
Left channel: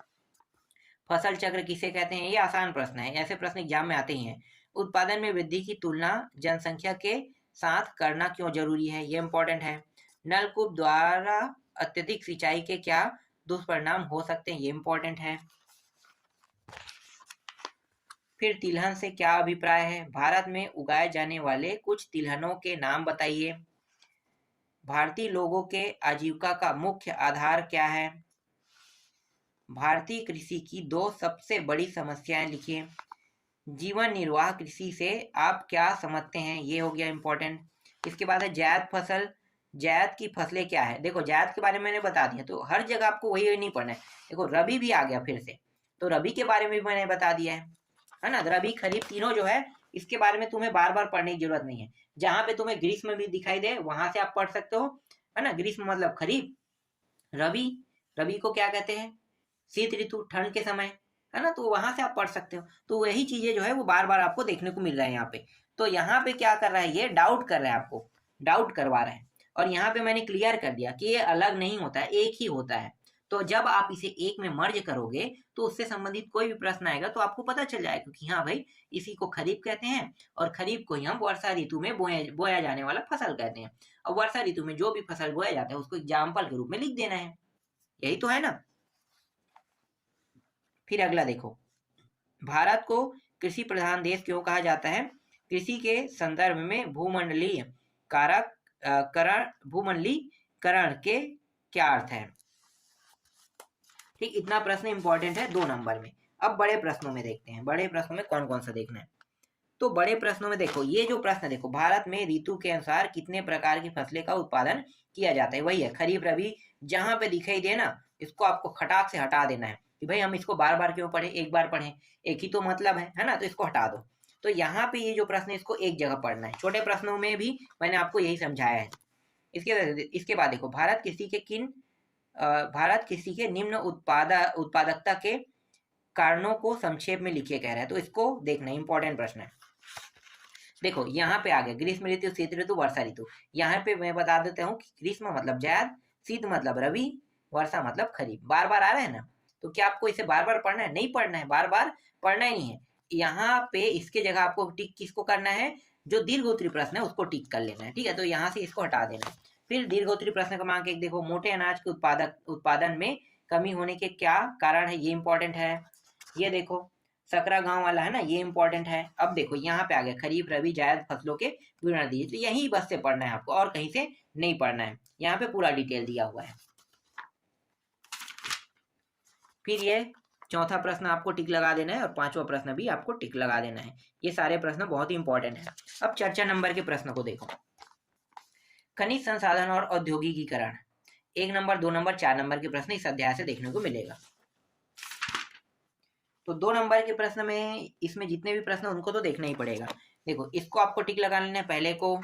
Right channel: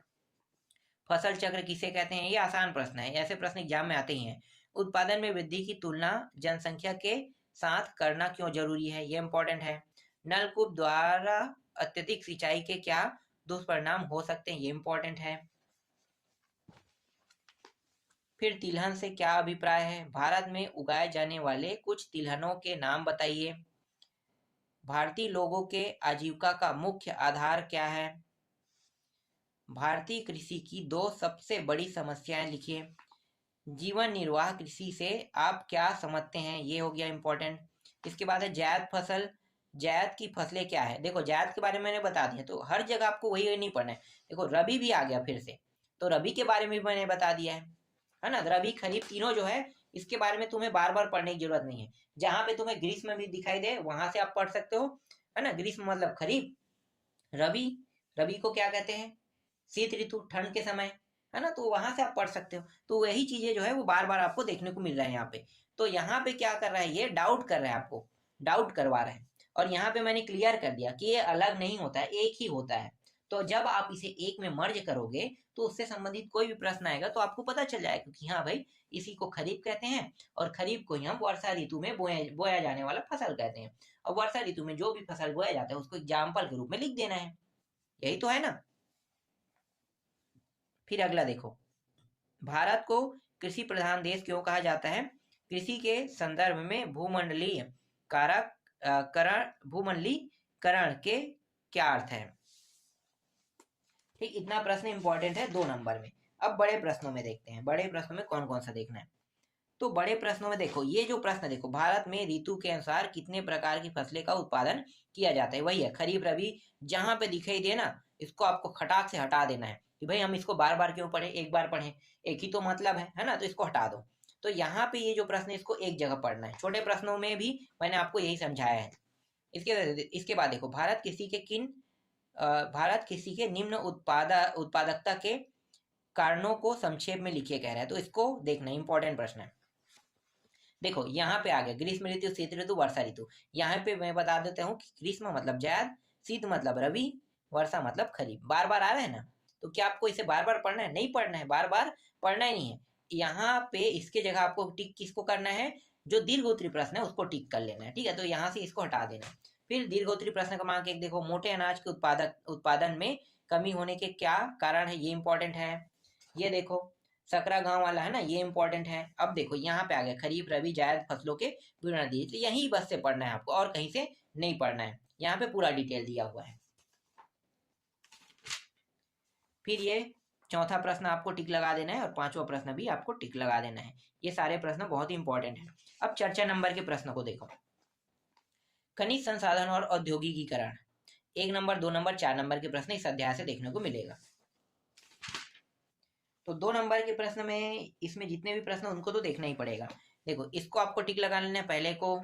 फसल चक्र किसे कहते हैं, ये आसान प्रश्न है, ऐसे प्रश्न एग्जाम में आते ही हैं। उत्पादन में वृद्धि की तुलना जनसंख्या के साथ करना क्यों जरूरी है, ये इंपॉर्टेंट है। नलकूप द्वारा अत्यधिक सिंचाई के क्या दुष्परिणाम हो सकते हैं, ये इंपॉर्टेंट है। फिर तिलहन से क्या अभिप्राय है, भारत में उगाए जाने वाले कुछ तिलहनों के नाम बताइए। भारतीय लोगों के आजीविका का मुख्य आधार क्या है। भारतीय कृषि की 2 सबसे बड़ी समस्याएं लिखिए। जीवन निर्वाह कृषि से आप क्या समझते हैं, ये हो गया इंपॉर्टेंट। इसके बाद है जायद फसल, जायद की फसलें क्या है। देखो जायद के बारे में मैंने बता दिया, तो हर जगह आपको वही नहीं पढ़ना है। देखो रबी भी आ गया फिर से, तो रबी के बारे में भी मैंने बता दिया है ना। रबी खरीफ तीनों जो है, इसके बारे में तुम्हें बार बार पढ़ने की जरूरत नहीं है। जहां पे तुम्हें ग्रीष्म भी दिखाई दे वहां से आप पढ़ सकते हो, है ना। ग्रीष्म मतलब खरीफ, रबी, रबी को क्या कहते हैं, शीत ऋतु, ठंड के समय, है ना। तो वहां से आप पढ़ सकते हो। तो वही चीजें जो है वो बार बार आपको देखने को मिल रहा है यहाँ पे। तो यहाँ पे क्या कर रहा है, ये डाउट कर रहा है, आपको डाउट करवा रहा है। और यहाँ पे मैंने क्लियर कर दिया कि ये अलग नहीं होता है, एक ही होता है। तो जब आप इसे एक में मर्ज करोगे तो उससे संबंधित कोई भी प्रश्न आएगा तो आपको पता चल जाएगा कि हाँ भाई इसी को खरीफ कहते हैं, और खरीफ को ही हम वर्षा ऋतु में बोया जाने वाला फसल कहते हैं। और वर्षा ऋतु में जो भी फसल बोया जाता है उसको एग्जाम्पल के रूप में लिख देना है, यही तो है ना। फिर अगला देखो, भारत को कृषि प्रधान देश क्यों कहा जाता है। कृषि के संदर्भ में भूमंडलीय कारक भूमंडलीकरण के क्या अर्थ है। ठीक, इतना प्रश्न इंपॉर्टेंट है 2 नंबर में। अब बड़े प्रश्नों में देखते हैं, बड़े प्रश्नों में कौन कौन सा देखना है। तो बड़े प्रश्नों में देखो, ये जो प्रश्न देखो, भारत में ऋतु के अनुसार कितने प्रकार की फसलें का उत्पादन किया जाता है, वही है खरीफ रबी। जहां पे दिखाई दे ना, इसको आपको खटाक से हटा देना है कि भाई हम इसको बार बार क्यों पढ़े, एक बार पढ़े, एक ही तो मतलब है ना। तो इसको हटा दो। तो यहाँ पे ये जो प्रश्न है इसको एक जगह पढ़ना है। छोटे प्रश्नों में भी मैंने आपको यही समझाया है। इसके बाद देखो, भारत कृषि के निम्न उत्पादकता के कारणों को संक्षेप में लिखिए कह रहा है। तो इसको देखना, इंपॉर्टेंट प्रश्न है। देखो यहाँ पे आ गया ग्रीष्म ऋतु, शीत ऋतु, वर्षा ऋतु। यहाँ पे मैं बता देता हूँ कि ग्रीष्म मतलब जायद, शीत मतलब रबी, वर्षा मतलब खरीफ। बार बार आ रहा है ना, तो क्या आपको इसे बार बार पढ़ना है, नहीं पढ़ना है, बार बार पढ़ना ही नहीं है। यहाँ पे इसके जगह आपको टिक किसको करना है, जो दीर्घोत्तरीय प्रश्न है उसको टिक कर लेना है, ठीक है। तो यहाँ से इसको हटा देना है। फिर दीर्घोत्तरीय प्रश्न क्रमांक 1 देखो, मोटे अनाज के उत्पादन में कमी होने के क्या कारण है, ये इंपॉर्टेंट है। ये देखो सकरा गांव वाला है ना, ये इंपॉर्टेंट है। अब देखो यहाँ पे आ गया खरीफ रबी जायद फसलों के विवरण दिए, तो यही बस से पढ़ना है आपको, और कहीं से नहीं पढ़ना है। यहाँ पे पूरा डिटेल दिया हुआ है। फिर ये चौथा प्रश्न आपको टिक लगा देना है, और 5वां प्रश्न भी आपको टिक लगा देना है। ये सारे प्रश्न बहुत ही इंपॉर्टेंट है। अब चर्चा नंबर के प्रश्न को देखो, खनिज संसाधन और औद्योगिकीकरण, 1 नंबर 2 नंबर 4 नंबर के प्रश्न इस अध्याय से देखने को मिलेगा। तो 2 नंबर के प्रश्न में, इसमें जितने भी प्रश्न उनको तो देखना ही पड़ेगा। देखो इसको आपको टिक लगा लेना है पहले को,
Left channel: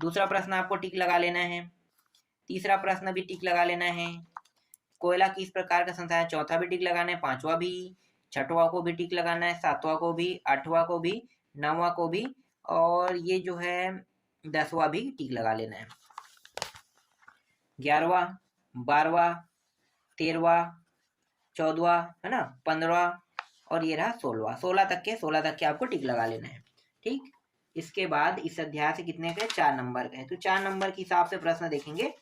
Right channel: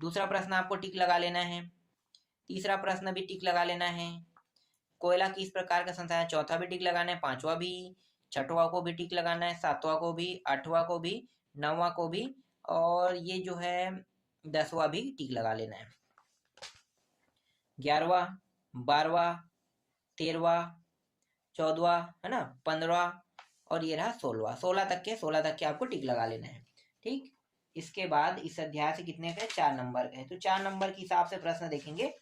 दूसरा प्रश्न आपको टिक लगा लेना है, तीसरा प्रश्न भी टिक लगा लेना है, कोयला किस प्रकार का संसाधन, चौथा भी टिक लगाना है, 5वां भी, 6वां को भी टिक लगाना है, 7वां को भी, 8वां को भी, 9वां को भी, और ये जो है 10वां भी टिक लगा लेना है। 11वां, 12वां, 13वां, 14वां, है ना, 15वां, और ये रहा 16वां। 16 तक के आपको टिक लगा लेना है, ठीक। इसके बाद इस अध्याय से कितने के, 4 नंबर के, तो 4 नंबर के हिसाब से प्रश्न देखेंगे।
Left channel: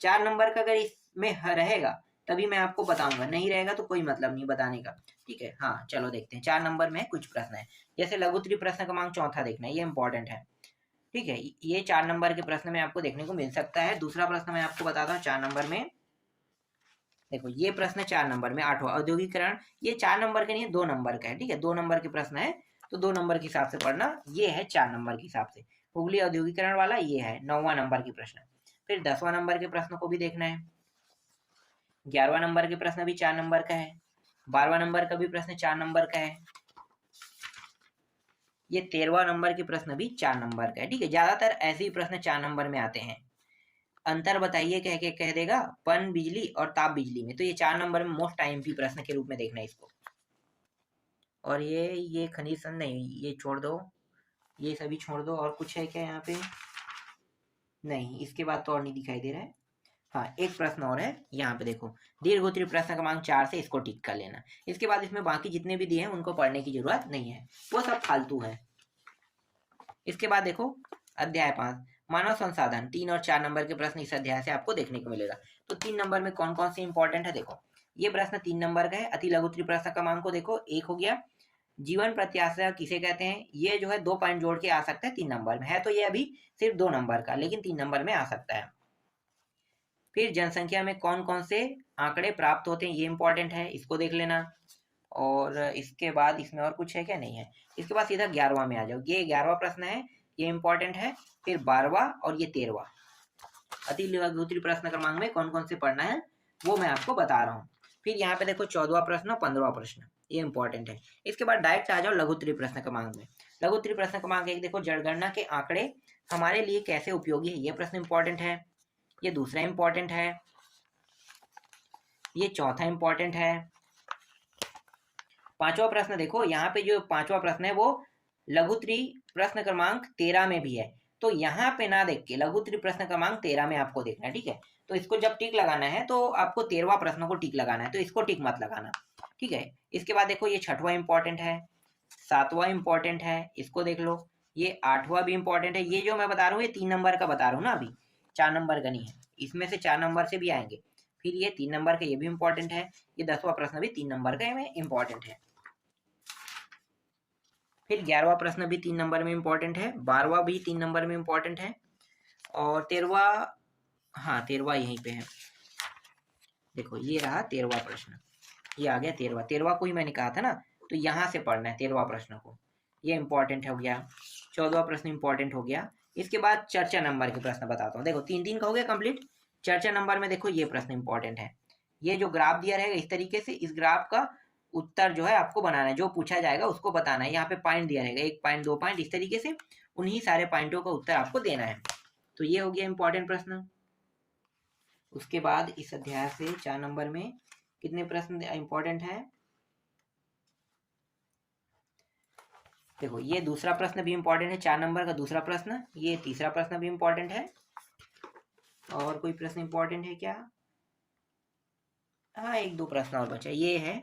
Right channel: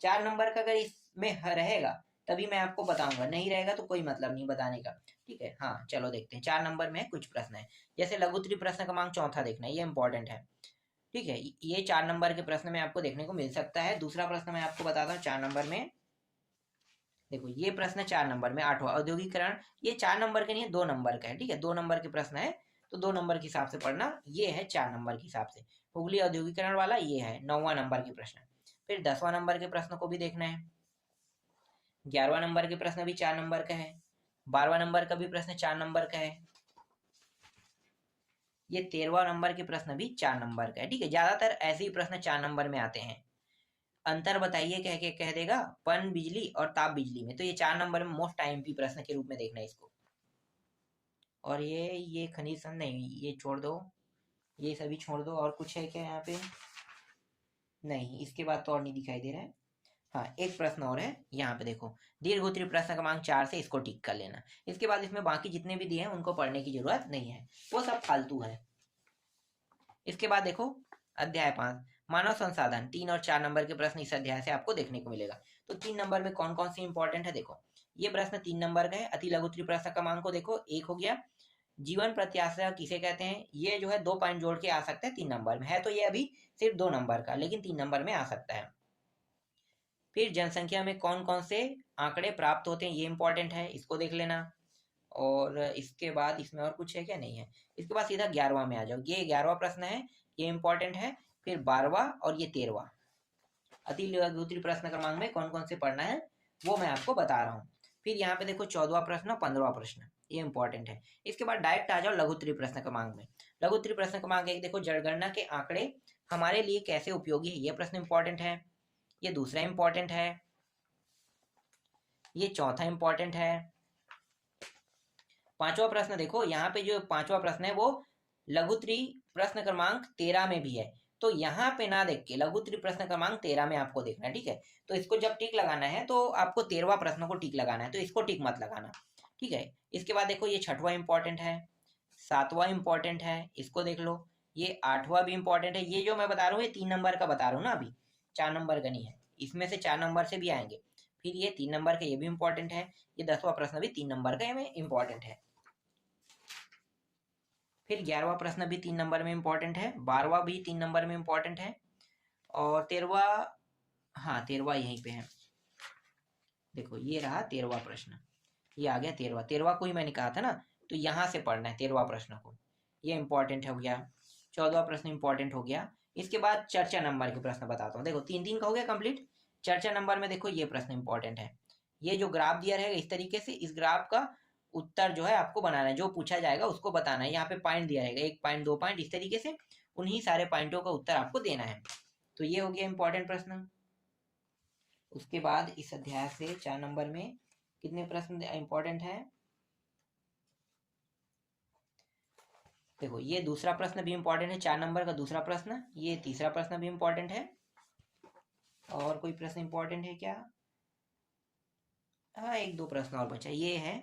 4 नंबर का अगर इसमें रहेगा तभी मैं आपको बताऊंगा, नहीं रहेगा तो कोई मतलब नहीं बताने का, ठीक है। हाँ चलो देखते हैं 4 नंबर में कुछ प्रश्न है। जैसे लघुत्तरीय प्रश्न क्रमांक 4 देखना है, ये इंपॉर्टेंट है, ठीक है। ये 4 नंबर के प्रश्न में आपको देखने को मिल सकता है। दूसरा प्रश्न मैं आपको बताता हूँ 4 नंबर में। देखो ये प्रश्न 4 नंबर में, 8वां औद्योगिकरण, ये 4 नंबर के नहीं 2 नंबर का है, ठीक है। 2 नंबर के प्रश्न है, तो 2 नंबर के हिसाब से पढ़ना, ये है 4 नंबर के हिसाब से। हुगली औद्योगिकरण वाला ये है 9वां नंबर के प्रश्न। फिर 10वां नंबर के प्रश्न को भी देखना है। 11वां नंबर के प्रश्न भी 4 नंबर का है। 12वां नंबर का भी प्रश्न 4 नंबर का है। ये 13वां नंबर के प्रश्न भी 4 नंबर का है, ठीक है। ज्यादातर ऐसे ही प्रश्न 4 नंबर में आते हैं। अंतर बताइए कह देगा पन बिजली और ताप बिजली में। तो ये 4 नंबर में मोस्ट आईएमपी प्रश्न के रूप में देखना है इसको। और ये खनिज नहीं, ये छोड़ दो, ये सभी छोड़ दो। और कुछ है क्या यहाँ पे? नहीं, इसके बाद तो और नहीं दिखाई दे रहा है। हाँ, एक प्रश्न और है यहाँ पे देखो, दीर्घोत्तरीय प्रश्न क्रमांक 4 से इसको टिक कर लेना। इसके बाद इसमें बाकी जितने भी दिए हैं उनको पढ़ने की जरूरत नहीं है, वो सब फालतू है। इसके बाद देखो अध्याय 5 मानव संसाधन, 3 और 4 नंबर के प्रश्न इस अध्याय से आपको देखने को मिलेगा। तो 3 नंबर में कौन कौन से इंपॉर्टेंट है देखो। ये प्रश्न 3 नंबर का है। अति लघुत्तरीय प्रश्न क्रमांक को देखो, 1 हो गया। जीवन प्रत्याशा किसे कहते हैं, ये जो है 2 पॉइंट जोड़ के आ सकता है 3 नंबर में, है तो ये अभी सिर्फ 2 नंबर का, लेकिन 3 नंबर में आ सकता है। फिर जनसंख्या में कौन कौन से आंकड़े प्राप्त होते हैं, ये इंपॉर्टेंट है, इसको देख लेना। और इसके बाद इसमें और कुछ है क्या? नहीं है। इसके बाद सीधा 11वां में आ जाओ, ये 11वां प्रश्न है, ये इंपॉर्टेंट है। फिर 12वां और ये 13वां। अति लघुत्तरीय प्रश्न क्रमांक में कौन कौन से पढ़ना है वो मैं आपको बता रहा हूँ। फिर यहाँ पे देखो 14वां प्रश्न और 15वां प्रश्न, ये इंपॉर्टेंट है। इसके बाद डायरेक्ट आ जाओ लघुत्तरीय प्रश्न क्रमांक में। लघुत्तरीय प्रश्न क्रमांक 1 देखो, जनगणना के आंकड़े हमारे लिए कैसे उपयोगी है, ये प्रश्न इंपॉर्टेंट है। ये दूसरा इंपॉर्टेंट है। ये चौथा इंपॉर्टेंट है। 5वां प्रश्न देखो, यहाँ पे जो 5वां प्रश्न है वो लघुत्तरीय प्रश्न क्रमांक 13 में भी है, तो यहाँ पे ना देख के लघुत्तरीय प्रश्न क्रमांक 13 में आपको देखना है, ठीक है। तो इसको जब टिक लगाना है तो आपको 13वां प्रश्न को टिक लगाना है, तो इसको टिक मत लगाना, ठीक है। इसके बाद देखो ये 6वां इंपॉर्टेंट है, 7वां इंपॉर्टेंट है, इसको देख लो। ये 8वां भी इंपॉर्टेंट है। ये जो मैं बता रहा हूँ ये 3 नंबर का बता रहा हूँ ना, अभी 4 नंबर का नहीं है, इसमें से 4 नंबर से भी आएंगे। फिर ये 3 नंबर का, ये भी इंपॉर्टेंट है। ये 10वां प्रश्न भी 3 नंबर का इंपॉर्टेंट है। फिर 11वां प्रश्न भी 3 नंबर में इंपॉर्टेंट है। 12वां भी 3 नंबर में इंपॉर्टेंट है। और 13वां, हाँ 13वां यहीं पे है, देखो ये रहा 13वां प्रश्न, ये आ गया 13वां को ही मैंने कहा था ना, तो यहाँ से पढ़ना है 13वां प्रश्न को, ये इंपॉर्टेंट हो गया। 14वां प्रश्न इंपॉर्टेंट हो गया। इसके बाद चर्चा नंबर के प्रश्न बताता हूँ, देखो 3 का हो गया कंप्लीट। चर्चा नंबर में देखो ये प्रश्न इंपॉर्टेंट है। ये जो ग्राफ दिया रहेगा इस तरीके से, इस ग्राफ का उत्तर जो है आपको बनाना है, जो पूछा जाएगा उसको बताना है। यहाँ पे पॉइंट दिया रहेगा, 1 पॉइंट 2 पॉइंट, इस तरीके से उन्हीं सारे पॉइंटों का उत्तर आपको देना है। तो ये हो गया इंपॉर्टेंट प्रश्न। उसके बाद इस अध्याय से 4 नंबर में कितने प्रश्न इंपॉर्टेंट है, देखो ये दूसरा प्रश्न भी इंपॉर्टेंट है, 4 नंबर का दूसरा प्रश्न। ये तीसरा प्रश्न भी इंपॉर्टेंट है। और कोई प्रश्न इंपॉर्टेंट है क्या? हाँ 1-2 प्रश्न और बचा, ये है,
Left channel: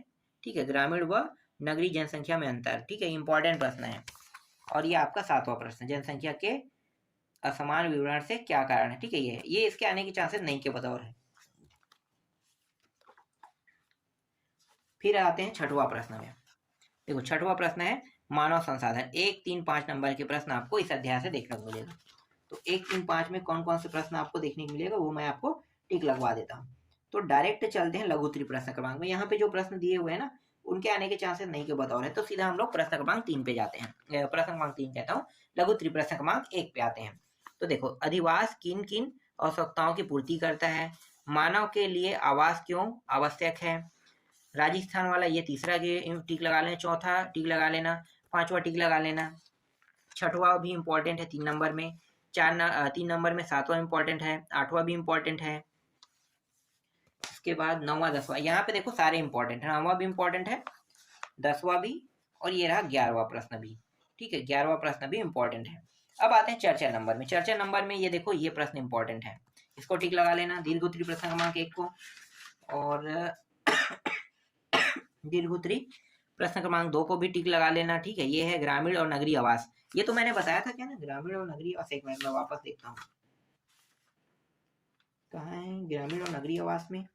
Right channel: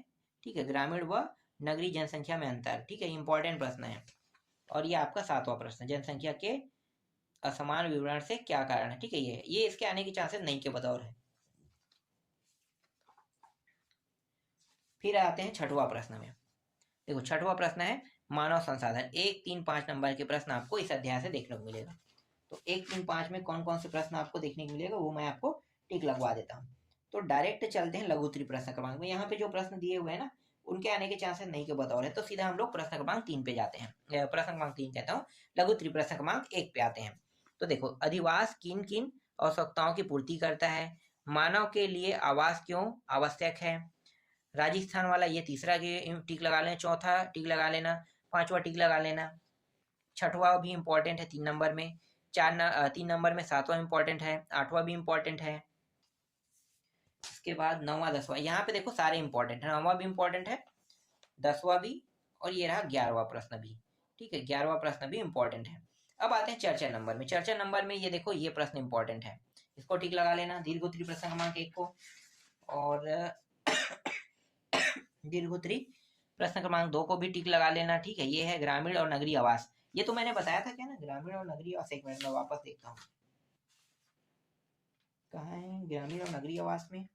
ठीक है, ग्रामीण व नगरीय जनसंख्या में अंतर, ठीक है, इंपॉर्टेंट प्रश्न है। और ये आपका 7वां प्रश्न, जनसंख्या के असमान विवरण से क्या कारण है, ठीक है, ये इसके आने के चांसेस नहीं के बतौर है। फिर आते हैं 6वां प्रश्न में, देखो 6वां प्रश्न है मानव संसाधन। 1, 3, 5 नंबर के प्रश्न आपको इस अध्याय से देखने को मिलेगा। तो 1, 3, 5 में कौन कौन से प्रश्न आपको देखने को मिलेगा वो मैं आपको टिक लगवा देता हूँ। तो डायरेक्ट चलते हैं लघुत्तरीय प्रश्न क्रमांक में। यहाँ पे जो प्रश्न दिए हुए हैं ना उनके आने के चांसेस नहीं के बतौर है, तो सीधा हम लोग प्रश्न क्रमांक 3 पे जाते हैं, प्रश्न क्रमांक 3 कहता हूँ, लघुत्तरीय प्रश्न क्रमांक 1 पे आते हैं। तो देखो अधिवास किन किन आवश्यकताओं की पूर्ति करता है, मानव के लिए आवास क्यों आवश्यक है, राजस्थान वाला ये तीसरा के टिक लगा लेना, चौथा टिक लगा लेना, 5वां टिक लगा लेना। 6वां भी इंपॉर्टेंट है 3 नंबर में, 3 नंबर में 7वां इंपॉर्टेंट है, 8वां भी इंपॉर्टेंट है। इसके बाद 9वां 10वां, यहाँ पे देखो सारे इंपॉर्टेंट है, 9वां भी इंपॉर्टेंट है, 10वां भी, और ये रहा 11वां प्रश्न भी, ठीक है, 11वां प्रश्न भी इंपॉर्टेंट है। अब आते हैं चर्चा नंबर में। चर्चा नंबर में ये देखो ये प्रश्न इंपॉर्टेंट है, इसको टिक लगा लेना, दीर्घोत्तरीय प्रश्न क्रमांक 1 को। और दीर्घोत्तरीय प्रश्न क्रमांक 2 को भी टिक लगा लेना, ठीक है, ये है ग्रामीण और नगरीय आवास। ये तो मैंने बताया था क्या ना, ग्रामीण और नगरीय आवास। एक मिनट में वापस देखता हूँ, कहाँ है ग्रामीण और नगरीय आवास में,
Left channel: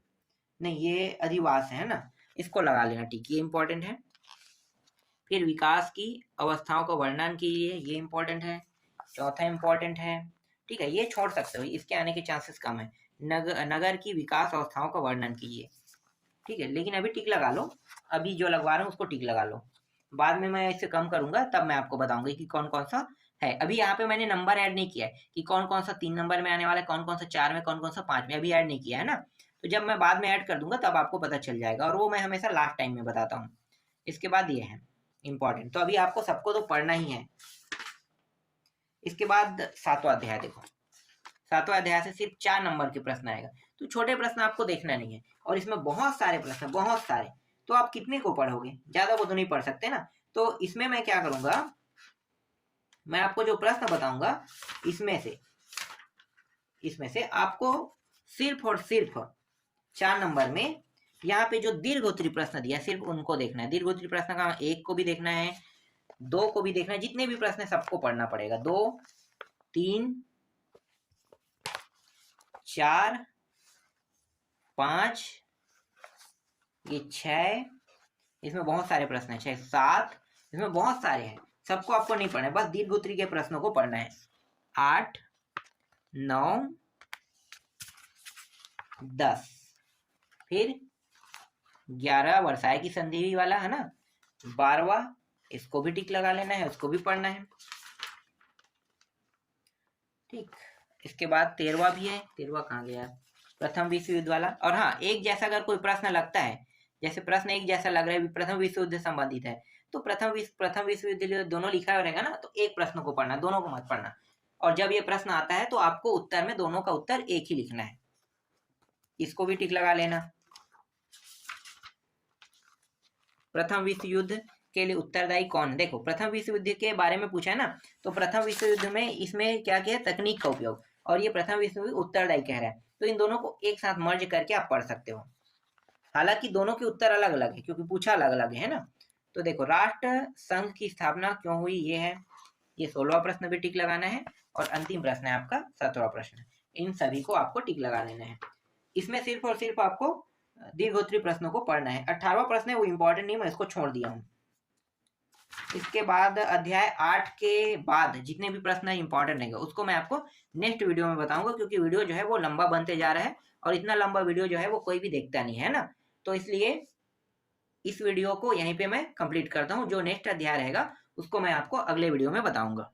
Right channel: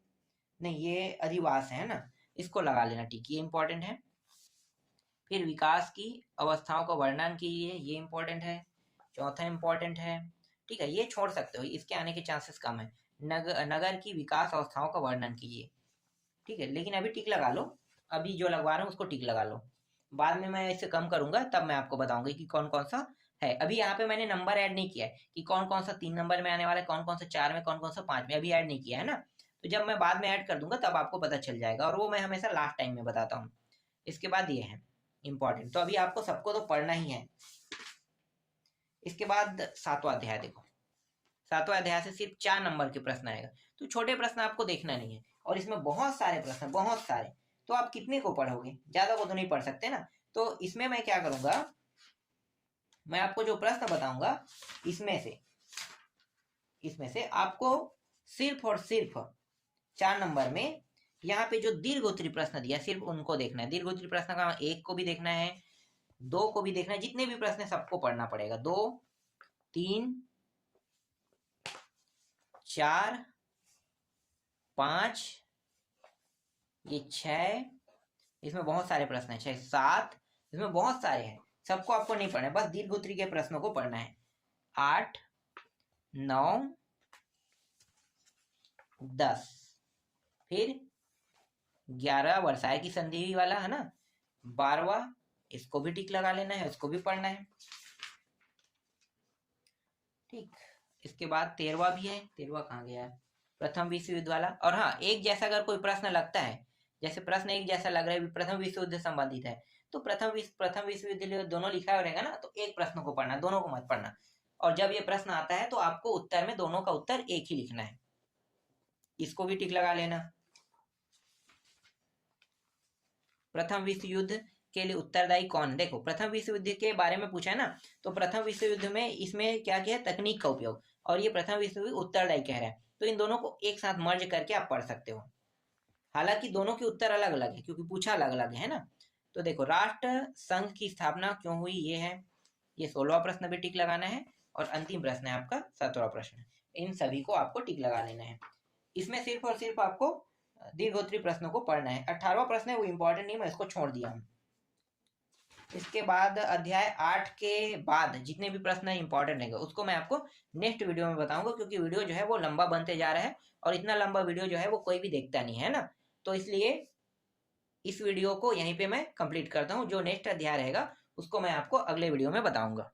नहीं ये अधिवास है ना, इसको लगा लेना टिक, ये इंपॉर्टेंट है। फिर विकास की अवस्थाओं का वर्णन कीजिए, ये इंपॉर्टेंट है, चौथा इंपॉर्टेंट है, ठीक है, ये छोड़ सकते हो, इसके आने के चांसेस कम है। नगर की विकास अवस्थाओं का वर्णन कीजिए, ठीक है, लेकिन अभी टिक लगा लो, अभी जो लगवा रहा हूँ उसको टिक लगा लो, बाद में मैं इसे कम करूंगा तब मैं आपको बताऊंगा कि कौन कौन सा है। अभी यहाँ पे मैंने नंबर ऐड नहीं किया है कि कौन कौन सा 3 नंबर में आने वाला है, कौन कौन सा 4 में, कौन कौन सा 5 में, अभी ऐड नहीं किया है ना। तो जब मैं बाद में ऐड कर दूंगा तब आपको पता चल जाएगा, और वो मैं हमेशा लास्ट टाइम में बताता हूँ। इसके बाद ये है इंपॉर्टेंट, तो अभी आपको सबको तो पढ़ना ही है। इसके बाद 7वां अध्याय देखो, 7वां अध्याय से सिर्फ 4 नंबर के प्रश्न आएगा, तो छोटे प्रश्न आपको देखना नहीं है। और इसमें बहुत सारे प्रश्न, बहुत सारे, तो आप कितने को पढ़ोगे, ज्यादा को तो नहीं पढ़ सकते ना। तो इसमें मैं क्या करूंगा, मैं आपको जो प्रश्न बताऊंगा इसमें से आपको सिर्फ और सिर्फ 4 नंबर में यहाँ पे जो दीर्घोत्तरी प्रश्न दिया सिर्फ उनको देखना है। दीर्घोत्तरी प्रश्न का 1 को भी देखना है, 2 को भी देखना है, जितने भी प्रश्न सबको पढ़ना पड़ेगा। 2, 3, 4, 5, ये 6, इसमें बहुत सारे प्रश्न है, 6, 7, इसमें बहुत सारे हैं, सबको आपको नहीं पढ़ना है, बस दीर्घोत्तरी के प्रश्नों को पढ़ना है। 8, 9, 10, फिर 11 वर्षाय की संधि वाला है ना, 12वां इसको भी टिक लगा लेना है, उसको भी पढ़ना है। ठीक, इसके बाद 13वां भी है, 13वां कहाँ गया, प्रथम विश्व युद्ध वाला। और हाँ, एक जैसा अगर कोई प्रश्न लगता है, जैसे प्रश्न एक जैसा लग रहा है, प्रथम विश्व युद्ध संबंधित है, तो प्रथम विश्व युद्ध दोनों लिखा रहेगा ना, तो एक प्रश्न को पढ़ना, दोनों को मत पढ़ना। और जब ये प्रश्न आता है तो आपको उत्तर में दोनों का उत्तर एक ही लिखना है, इसको भी टिक लगा लेना। प्रथम विश्व युद्ध के लिए उत्तरदायी कौन? देखो, प्रथम विश्व युद्ध के बारे में पूछा है ना, तो प्रथम विश्व युद्ध में इसमें क्या किया, तकनीक का उपयोग, और ये प्रथम विश्व युद्ध उत्तरदायी कह रहा है, तो इन दोनों को एक साथ मर्ज करके आप पढ़ सकते हो। हालांकि दोनों के उत्तर अलग अलग है, क्योंकि पूछा अलग अलग है ना। तो देखो, राष्ट्र संघ की स्थापना क्यों हुई, ये है, ये 16वां प्रश्न भी टिक लगाना है, और अंतिम प्रश्न है आपका 7वां प्रश्न, इन सभी को आपको टिक लगा लेना है। इसमें सिर्फ और सिर्फ आपको दीर्घोत्तरी प्रश्नों को पढ़ना है। 18वां प्रश्न है वो इंपॉर्टेंट नहीं, मैं इसको छोड़ दिया हूँ। इसके बाद अध्याय 8 के बाद जितने भी प्रश्न इंपॉर्टेंट रहेंगे उसको मैं आपको नेक्स्ट वीडियो में बताऊंगा, क्योंकि वीडियो जो है वो लंबा बनते जा रहा है, और इतना लंबा वीडियो जो है वो कोई भी देखता नहीं है ना। तो इसलिए इस वीडियो को यहीं पे मैं कंप्लीट करता हूँ, जो नेक्स्ट अध्याय रहेगा उसको मैं आपको अगले वीडियो में बताऊंगा।